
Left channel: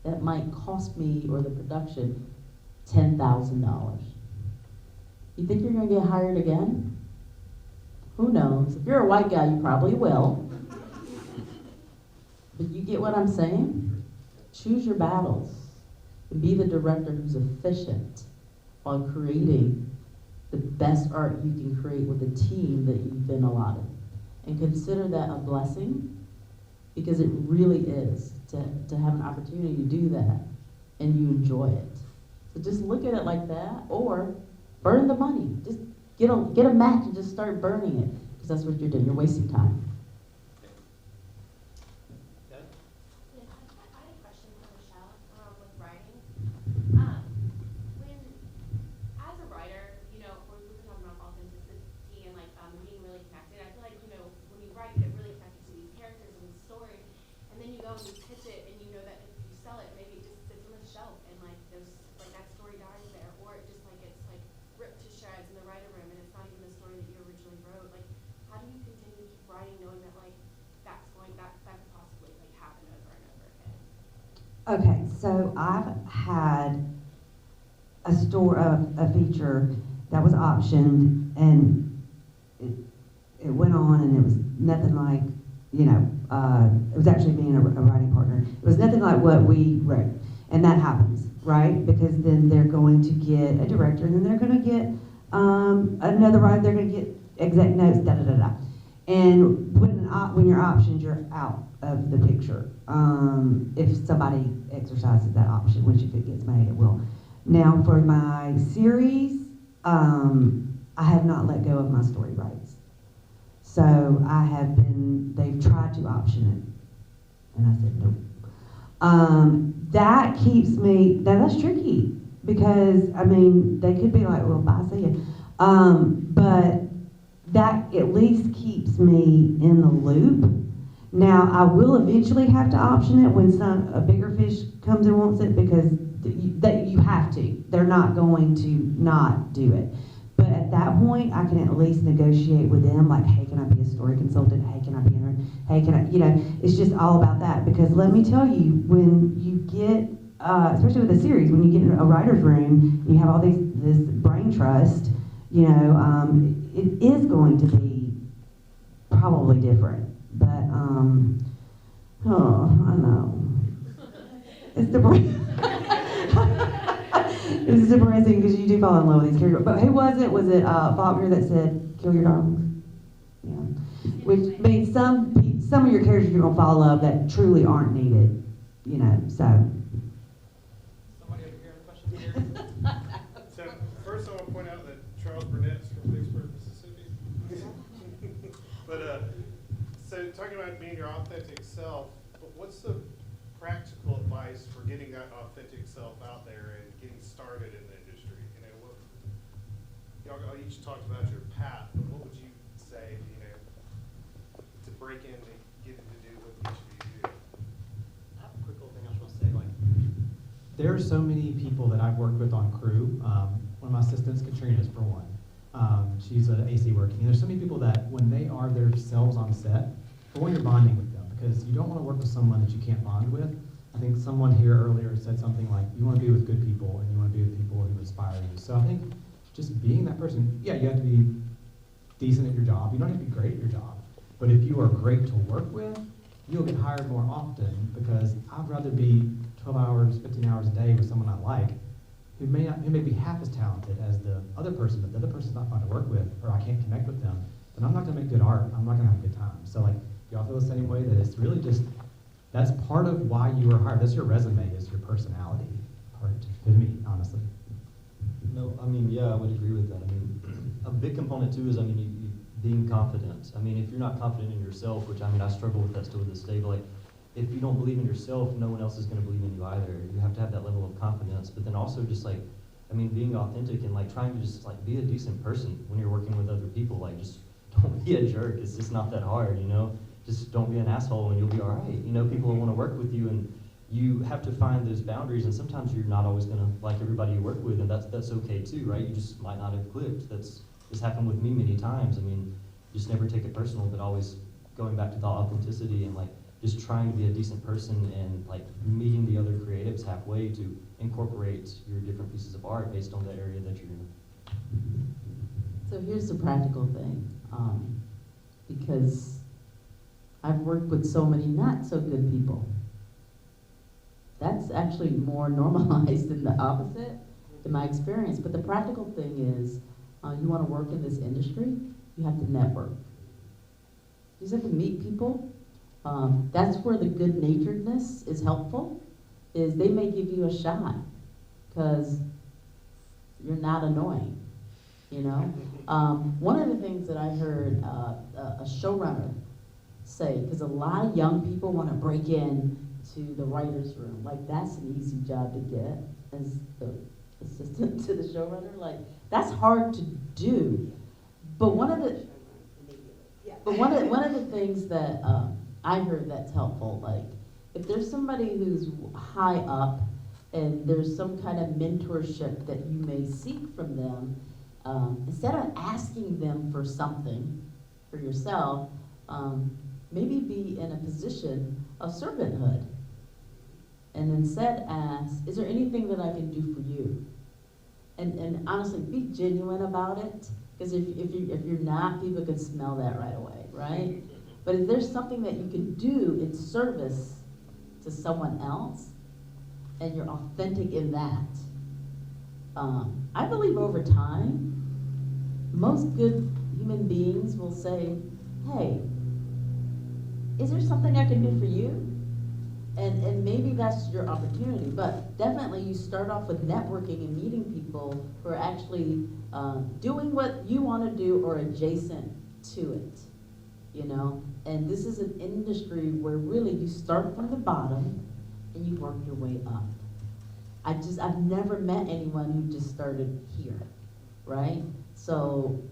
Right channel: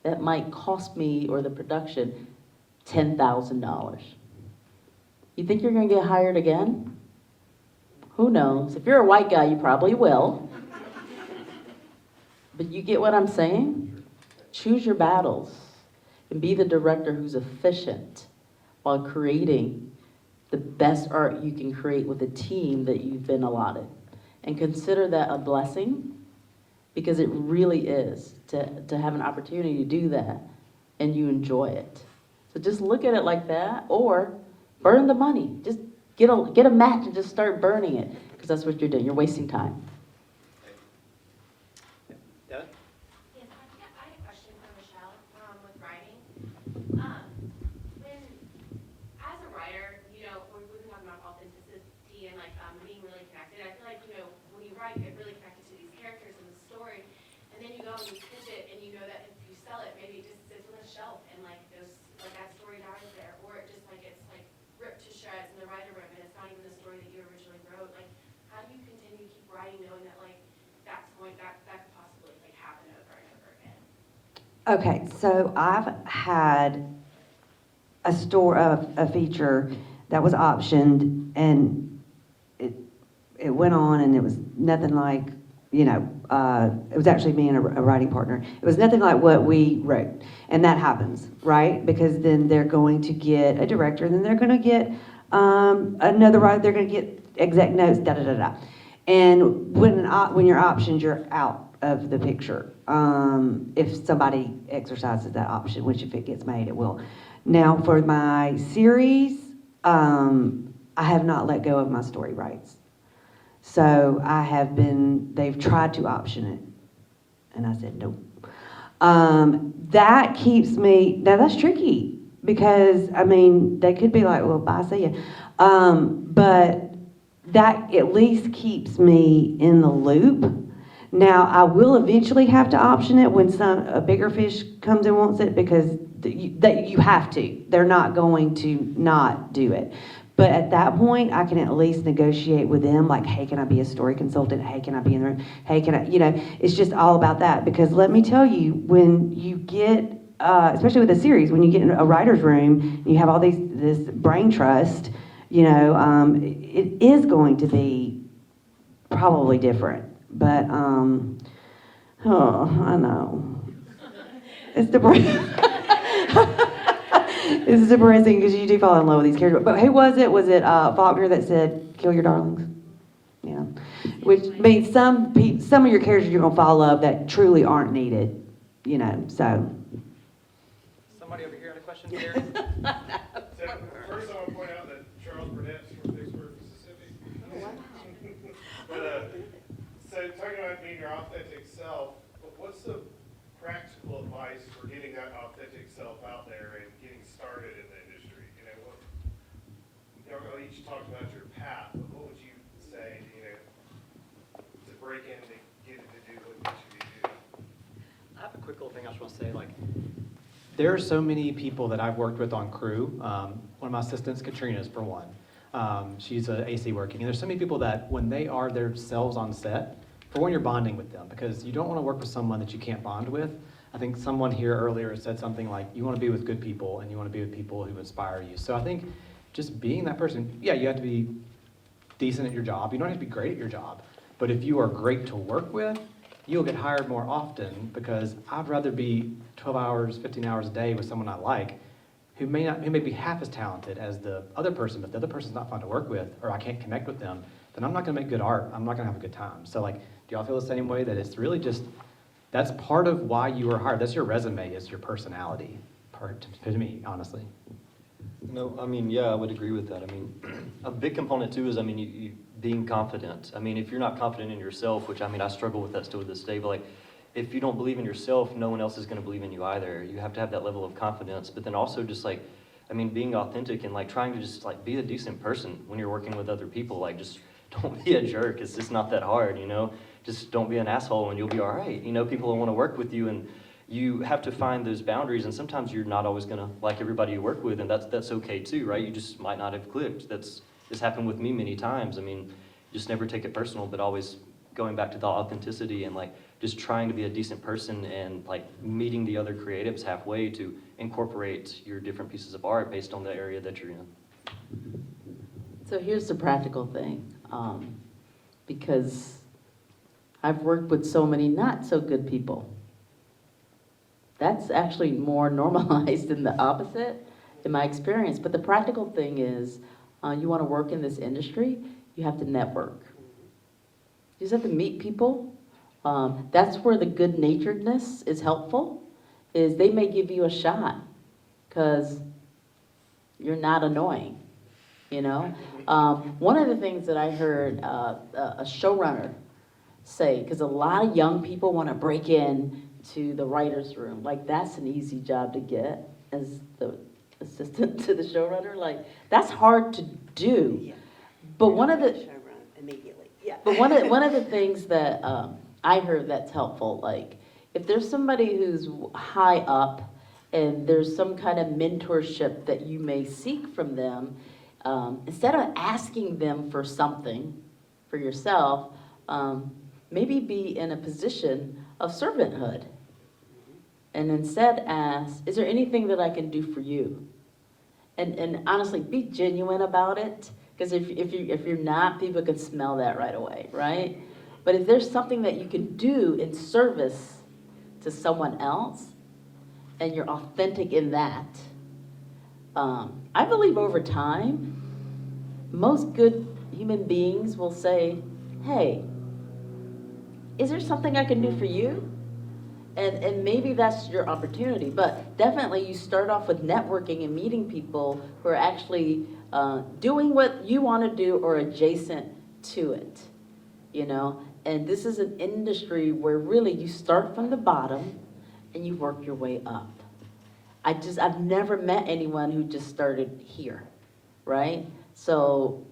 that might cost me or the production $10,000. You think you're going to get hired again? Who knows? If you're a white guy, you probably will. But you get what I'm saying? Choose your battles and be the director who's efficient while creating the best art you can create with a team that you've been allotted. And consider that a blessing, because it really is to have an opportunity to do that and you enjoy it. So just look at it like that, or burn the money. Just get a match and just start burning it, because that's what you're doing. You're wasting time. Devin? Yes, I have a question for Michele with writing. When, as a writer, we've been talking about authenticity and being really connected. I feel like, when you write, you get really connected to these characters and the story, and then you go and you pitch it, and you know that if you sell it, maybe it just sits on a shelf, and that story dies there, or it just it's ripped to shreds in the writer room, and it's not even the story that you originally wrote. How do you continue to keep writing, knowing that that could possibly happen over and over again? Okay, so I've had a feature that was optioned, and it went on, and it was nothing like it was actually me and a writing partner. It was nothing like what we wrote. And that happens, right? Because then they're going to get a director, and then they're going to get another writer, they're going to get exec notes, da da da da. And when you're optioned, you're out of the picture. If somebody exercises that option, which if it gets made, it will. Now, for my series, I have not let go of my story rights. So they've tried to option it, and I said nope. That keeps me, that's tricky, because, they could be like, well, bye, see ya. But that at least keeps me in the loop. Now, I will eventually have to option it when a bigger fish comes and wants it, because you have to. They're not going to not do it. But at that point, I can at least negotiate with them, like, hey, can I be a story consultant? Hey, can I be in the room? Hey, can I, it's just all about that. Because let me tell you, when you get, especially with a series, when you get in a writer's room, you have all this brain trust, it is going to be probably different. But, I know. It's depressing. It's depressing because you do fall in love with these characters. But who was it? Was it Faulkner that said, kill your darlings? Yeah. Which means some of your characters you're going to fall in love that truly aren't needed, so. Somebody over here had a question here? So first I want to point out that Charles Burnett's from Vicksburg, Mississippi. But so talking about being your authentic self, what's the practical advice for getting that authentic self out there and getting started in the industry? Y'all each talked about your path, but what would you say, to break in to get it to do what you should be doing? I have a quick little thing I just want to say. There are so many people that I've worked with on crew. One of my assistants, Katrina's for one. She's an AC working. And there's so many people that when they are themselves on set, for one, you're bonding with them, because you don't want to work with someone that you can't bond with. I think someone here earlier said something like, you want to be with good people, and you want to be with people who inspire you. So I think just being that person, yeah, you have to be decent at your job. You don't have to be great at your job. But if you are great to work with, you'll get hired more often, because I'd rather be 12 hours, 15 hours a day with someone I like, who may be half as talented as the other person, but the other person's not fun to work with, or I can't connect with them, then I'm not going to make good art. I'm not going to have a good time. So do y'all feel the same way, that it's really just, that's part of why you were hired? That's your resume, is your personality part, to me, honestly. No, yeah, I would agree with that. A big component too is, you being confident. If you're not confident in yourself, which I struggle with that still to this day, but if you don't believe in yourself, no one else is going to believe in you either. You have to have that level of confidence, but then also just being authentic and trying to just be a decent person when you're working with other people. Just don't be a jerk. It's just not that hard, Just don't be an asshole and you'll be all right. People will want to work with you, and you have to find those boundaries, and sometimes you're not always going to like everybody you work with, and that's okay too, right? You just might not have clicked. It's happened with me many times. Just never take it personal, but always going back to the authenticity and just trying to be a decent person, and meeting the other creatives halfway to incorporate your different pieces of art based on the area that you're in. So here's the practical thing, because I've worked with so many not so good people. That's actually more normalized than the opposite in my experience. But the practical thing is, you want to work in this industry, you have to network. You just have to meet people. That's where the good-naturedness is helpful, is they may give you a shot because you're not annoying, One of the things that I heard a showrunner say, because a lot of young people want to break in to the writer's room, that's an easy job to get as the assistant to the showrunner, that's hard to do. Yeah. But one of the immediately. Yeah. But one of the things that I heard that's helpful, if there's somebody who's high up and there's some kind of mentorship that you may seek from them, instead of asking them for something for yourself, maybe be in a position of servanthood. And instead ask, is there anything that I can do for you? And honestly, be genuine about it. Because if you're not, people can smell that right away, right? But if there's something that you can do in service to someone else, and you're authentic in that, I believe over time, most good human beings will say, hey, is there something I can do for you? And maybe that's your opportunity, but definitely you start off with networking and meeting people who are actually doing what you want to do or adjacent to it, you know? And this is an industry where really you start from the bottom and you work your way up. I've never met anyone who just started here, right? So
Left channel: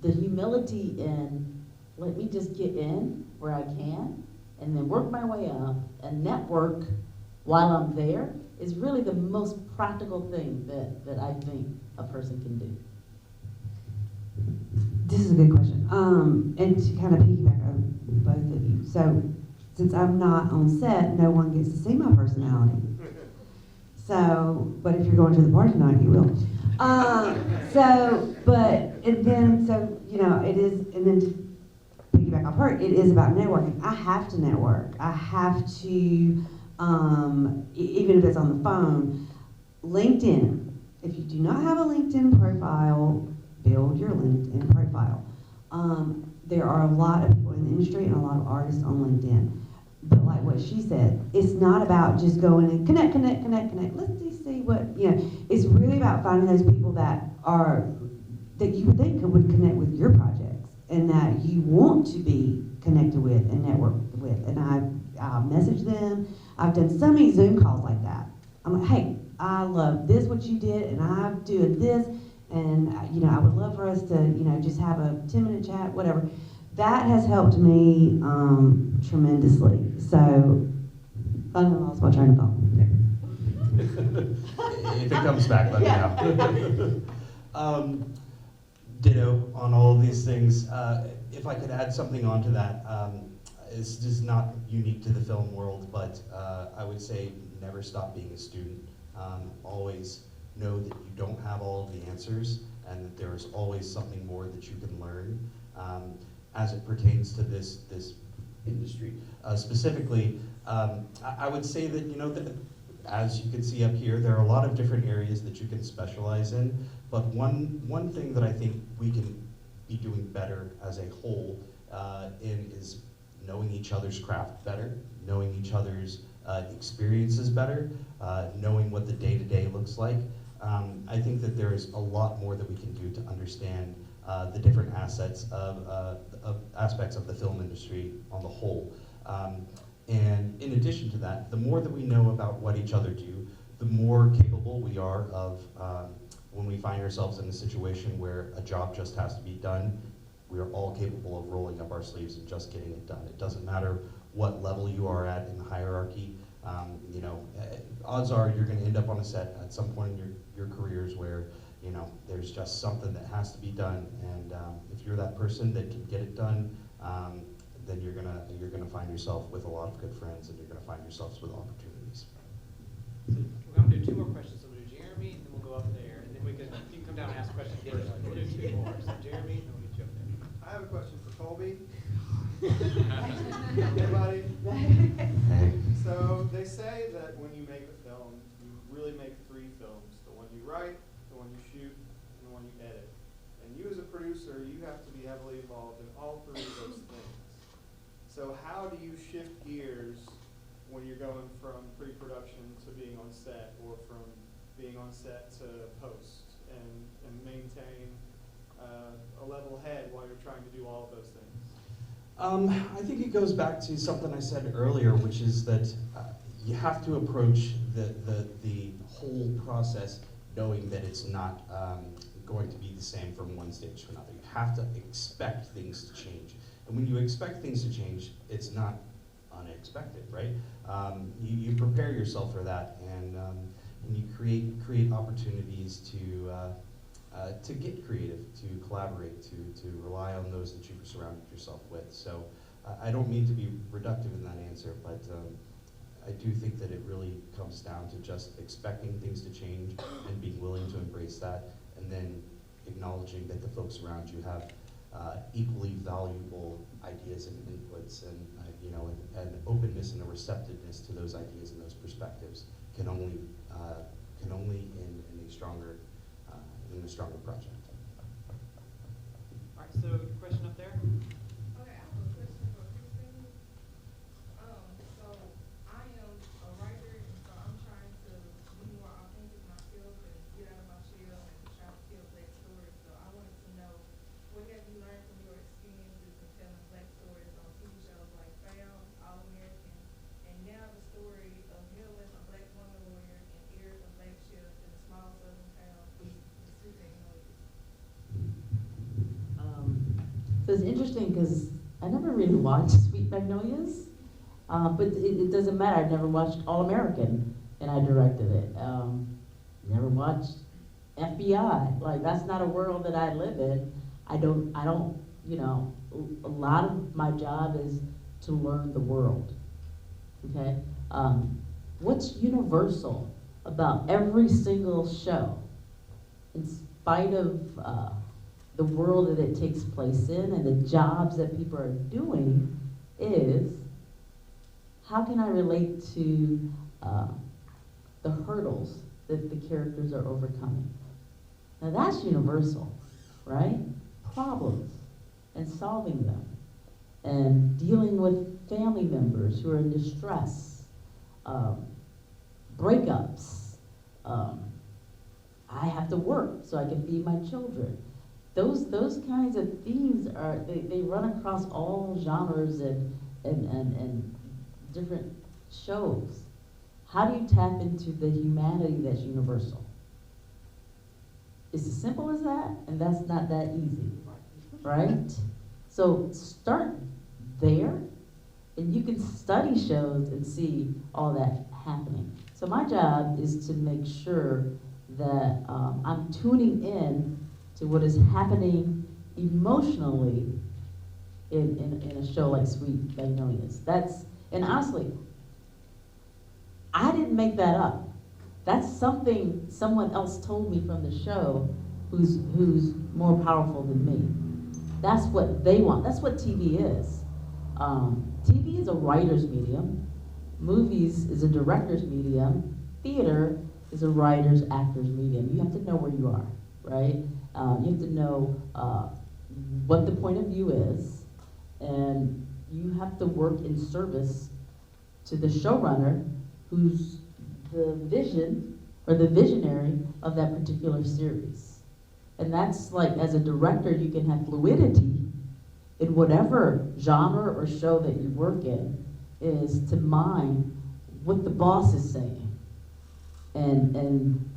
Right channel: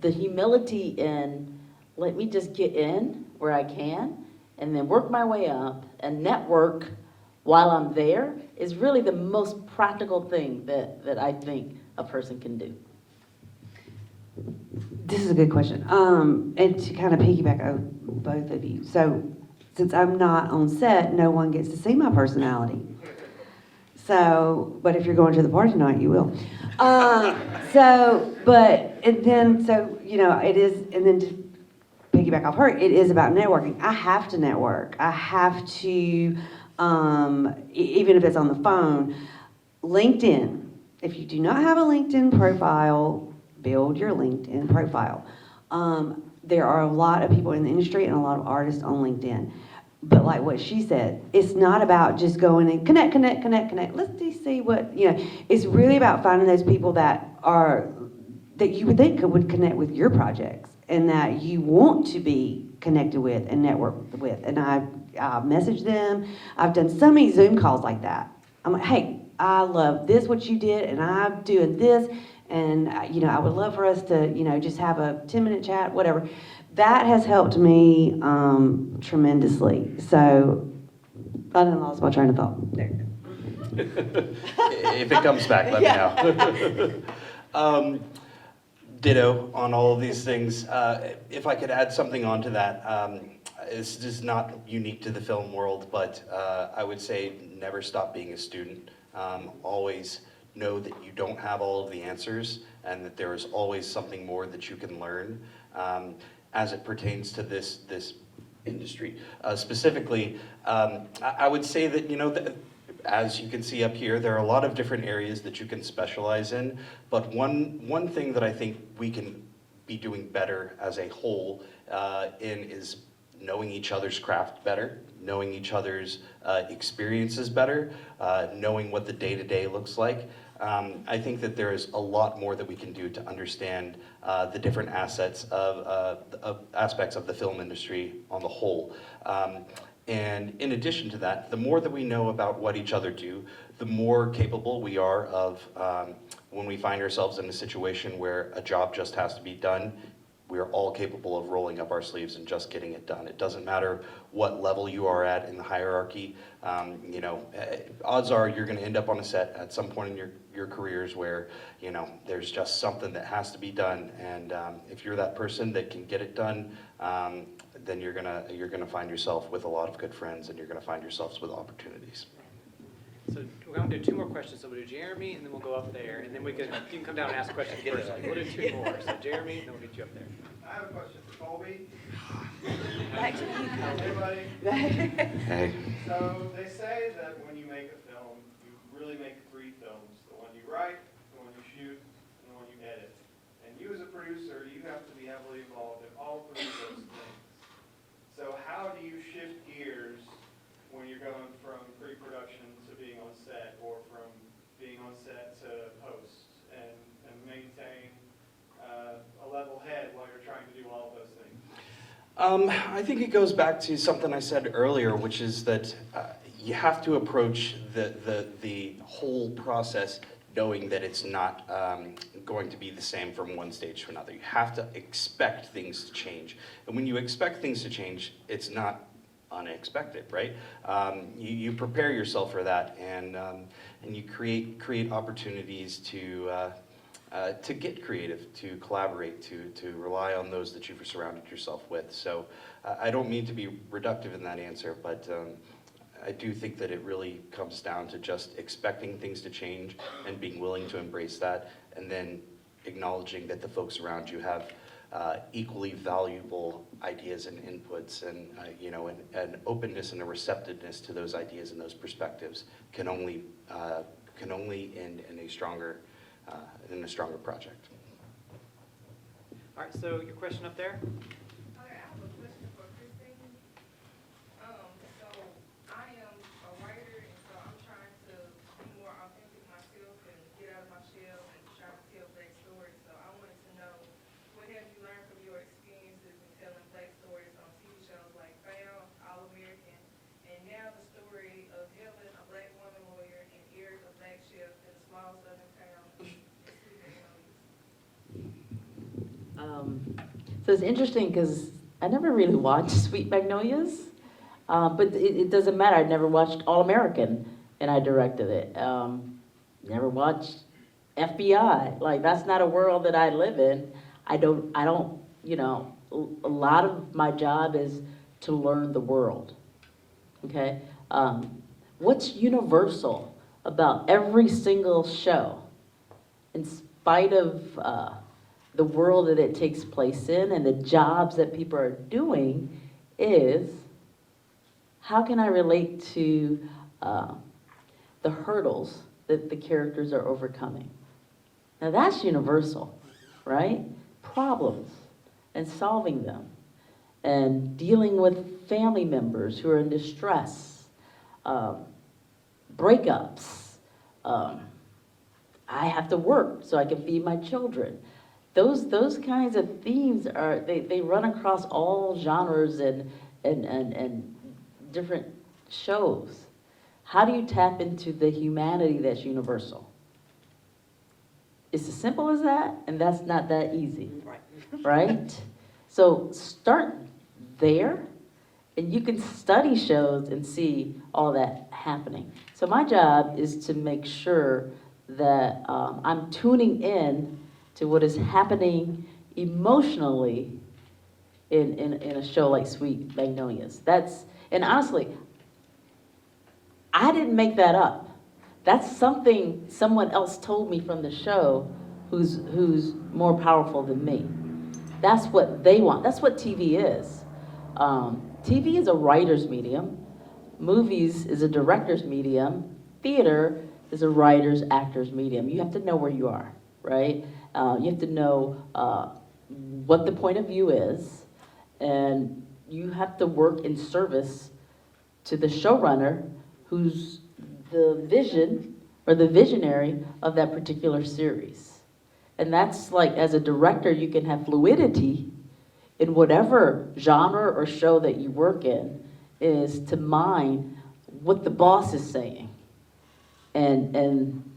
the humility in, let me just get in where I can and then work my way up and network while I'm there is really the most practical thing that I think a person can do. This is a good question. And to kind of piggyback on both of you. So since I'm not on set, no one gets to see my personality. So, but if you're going to the party tonight, you will. You know, it is, and then to piggyback off her, it is about networking. I have to network. I have to, even if it's on the phone, LinkedIn. If you do not have a LinkedIn profile, build your LinkedIn profile. There are a lot of people in the industry and a lot of artists on LinkedIn. But like what she said, it's not about just going and connect. Let's just see what, you know, it's really about finding those people that you would think would connect with your projects and that you want to be connected with and network with. And I message them. I've done so many Zoom calls like that. I'm like, hey, I love this, what you did, and I'm doing this. And, you know, I would love for us to, you know, just have a 10-minute chat, whatever. That has helped me tremendously. So I didn't lost my train of thought. There. If it comes back, let me know. Ditto on all of these things. If I could add something onto that, this is not unique to the film world, but I would say never stop being a student. Always know that you don't have all of the answers and that there is always something more that you can learn. As it pertains to this industry. Specifically, I would say that, you know, as you can see up here, there are a lot of different areas that you can specialize in, but one thing that I think we can be doing better as a whole is knowing each other's craft better, knowing each other's experiences better, knowing what the day-to-day looks like. I think that there is a lot more that we can do to understand the different aspects of the film industry on the whole. And in addition to that, the more that we know about what each other do, the more capable we are of, when we find ourselves in a situation where a job just has to be done, we are all capable of rolling up our sleeves and just getting it done. It doesn't matter what level you are at in the hierarchy. You know, odds are you're going to end up on a set at some point in your careers where, you know, there's just something that has to be done, and if you're that person that can get it done, then you're gonna find yourself with a lot of good friends, and you're gonna find yourselves with opportunities. So we're going to do 2 more questions. So we'll do Jeremy, and then we'll go up there, and then you can come down and ask a question personally. We'll do 2 more. So Jeremy, and then we'll get you up there. I have a question for Colby. Back to you. Everybody. Hey. So they say that when you make a film, you really make 3 films. The one you write, the one you shoot, and the one you edit. And you as a producer, you have to be heavily involved in all 3 of those things. So how do you shift gears when you're going from pre-production to being on set, or from being on set to post, and maintain a level head while you're trying to do all of those things? I think it goes back to something I said earlier, which is that you have to approach the whole process knowing that it's not going to be the same from one stage to another. You have to expect things to change. And when you expect things to change, it's not unexpected, right? You prepare yourself for that, and you create opportunities to get creative, to collaborate, to rely on those that you've surrounded yourself with. So I don't mean to be reductive in that answer, but I do think that it really comes down to just expecting things to change and being willing to embrace that, and then acknowledging that the folks around you have equally valuable ideas and inputs, and you know, an openness and a receptiveness to those ideas and those perspectives can only end in a stronger project. All right, so your question up there? Okay, I have a question for Christine. So I am a writer, and so I'm trying to be more authentic myself and get out of my shell and try to tell Black stories. So I wanted to know, what have you learned from your experiences in telling Black stories on TV shows like Found, All American, and now the story of Helen, a Black woman lawyer, and Eric, a Black chef in a small southern town in Sweet Magnolias? So it's interesting because I never really watched Sweet Magnolias, but it doesn't matter. I never watched All American, and I directed it. Never watched FBI. Like, that's not a world that I live in. I don't. You know, a lot of my job is to learn the world. Okay, what's universal about every single show, in spite of the world that it takes place in and the jobs that people are doing, is how can I relate to the hurdles that the characters are overcoming? Now that's universal, right? Problems and solving them and dealing with family members who are in distress, breakups. I have to work so I can feed my children. Those kinds of themes they run across all genres and different shows. How do you tap into the humanity that's universal? It's as simple as that, and that's not that easy, right? So start there, and you can study shows and see all that happening. So my job is to make sure that I'm tuning in to what is happening emotionally in a show like Sweet Magnolias. And honestly, I didn't make that up. That's something someone else told me from the show who's more powerful than me. That's what they want. That's what TV is. TV is a writer's medium. Movies is a director's medium. Theater is a writer's, actor's medium. You have to know where you are, right? You have to know what the point of view is, and you have to work in service to the showrunner who's the vision or the visionary of that particular series. And that's like, as a director, you can have fluidity in whatever genre or show that you work in, is to mine what the boss is saying and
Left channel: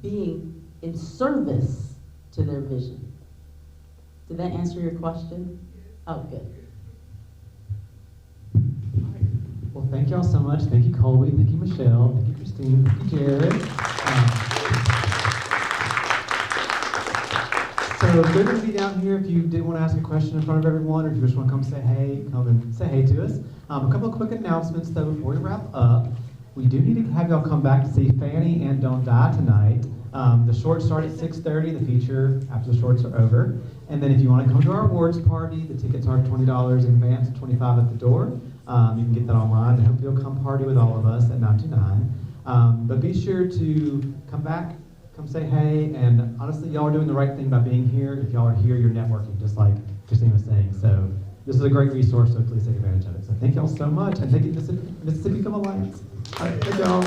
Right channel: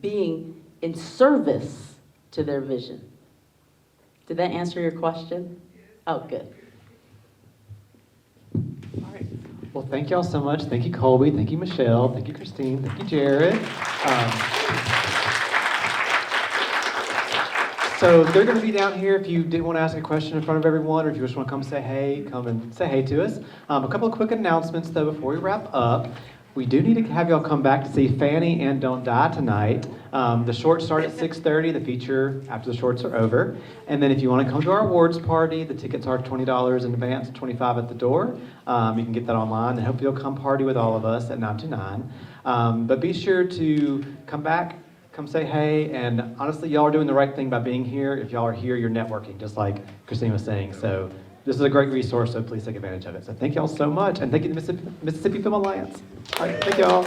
being in service to their vision. Did that answer your question? Oh, good. All right. Well, thank y'all so much. Thank you, Colby. Thank you, Michele. Thank you, Christine. Thank you, Jared. So they're going to be down here if you did want to ask a question in front of everyone, or if you just want to come say hey, come and say hey to us. A couple of quick announcements, though, before we wrap up. We do need to have y'all come back to see Fanny and Don't Die tonight. The shorts start at 6:30, the feature after the shorts are over. And then if you want to come to our awards party, the tickets are $20 in advance, $25 at the door. You can get that online, and hopefully you'll come party with all of us at 9 to 9. But be sure to come back, come say hey, and honestly, y'all are doing the right thing by being here. If y'all are here, you're networking, just like Christine was saying. So this is a great resource, so please take advantage of it. So thank y'all so much, and thank you to the Mississippi Film Alliance. All right, thank y'all.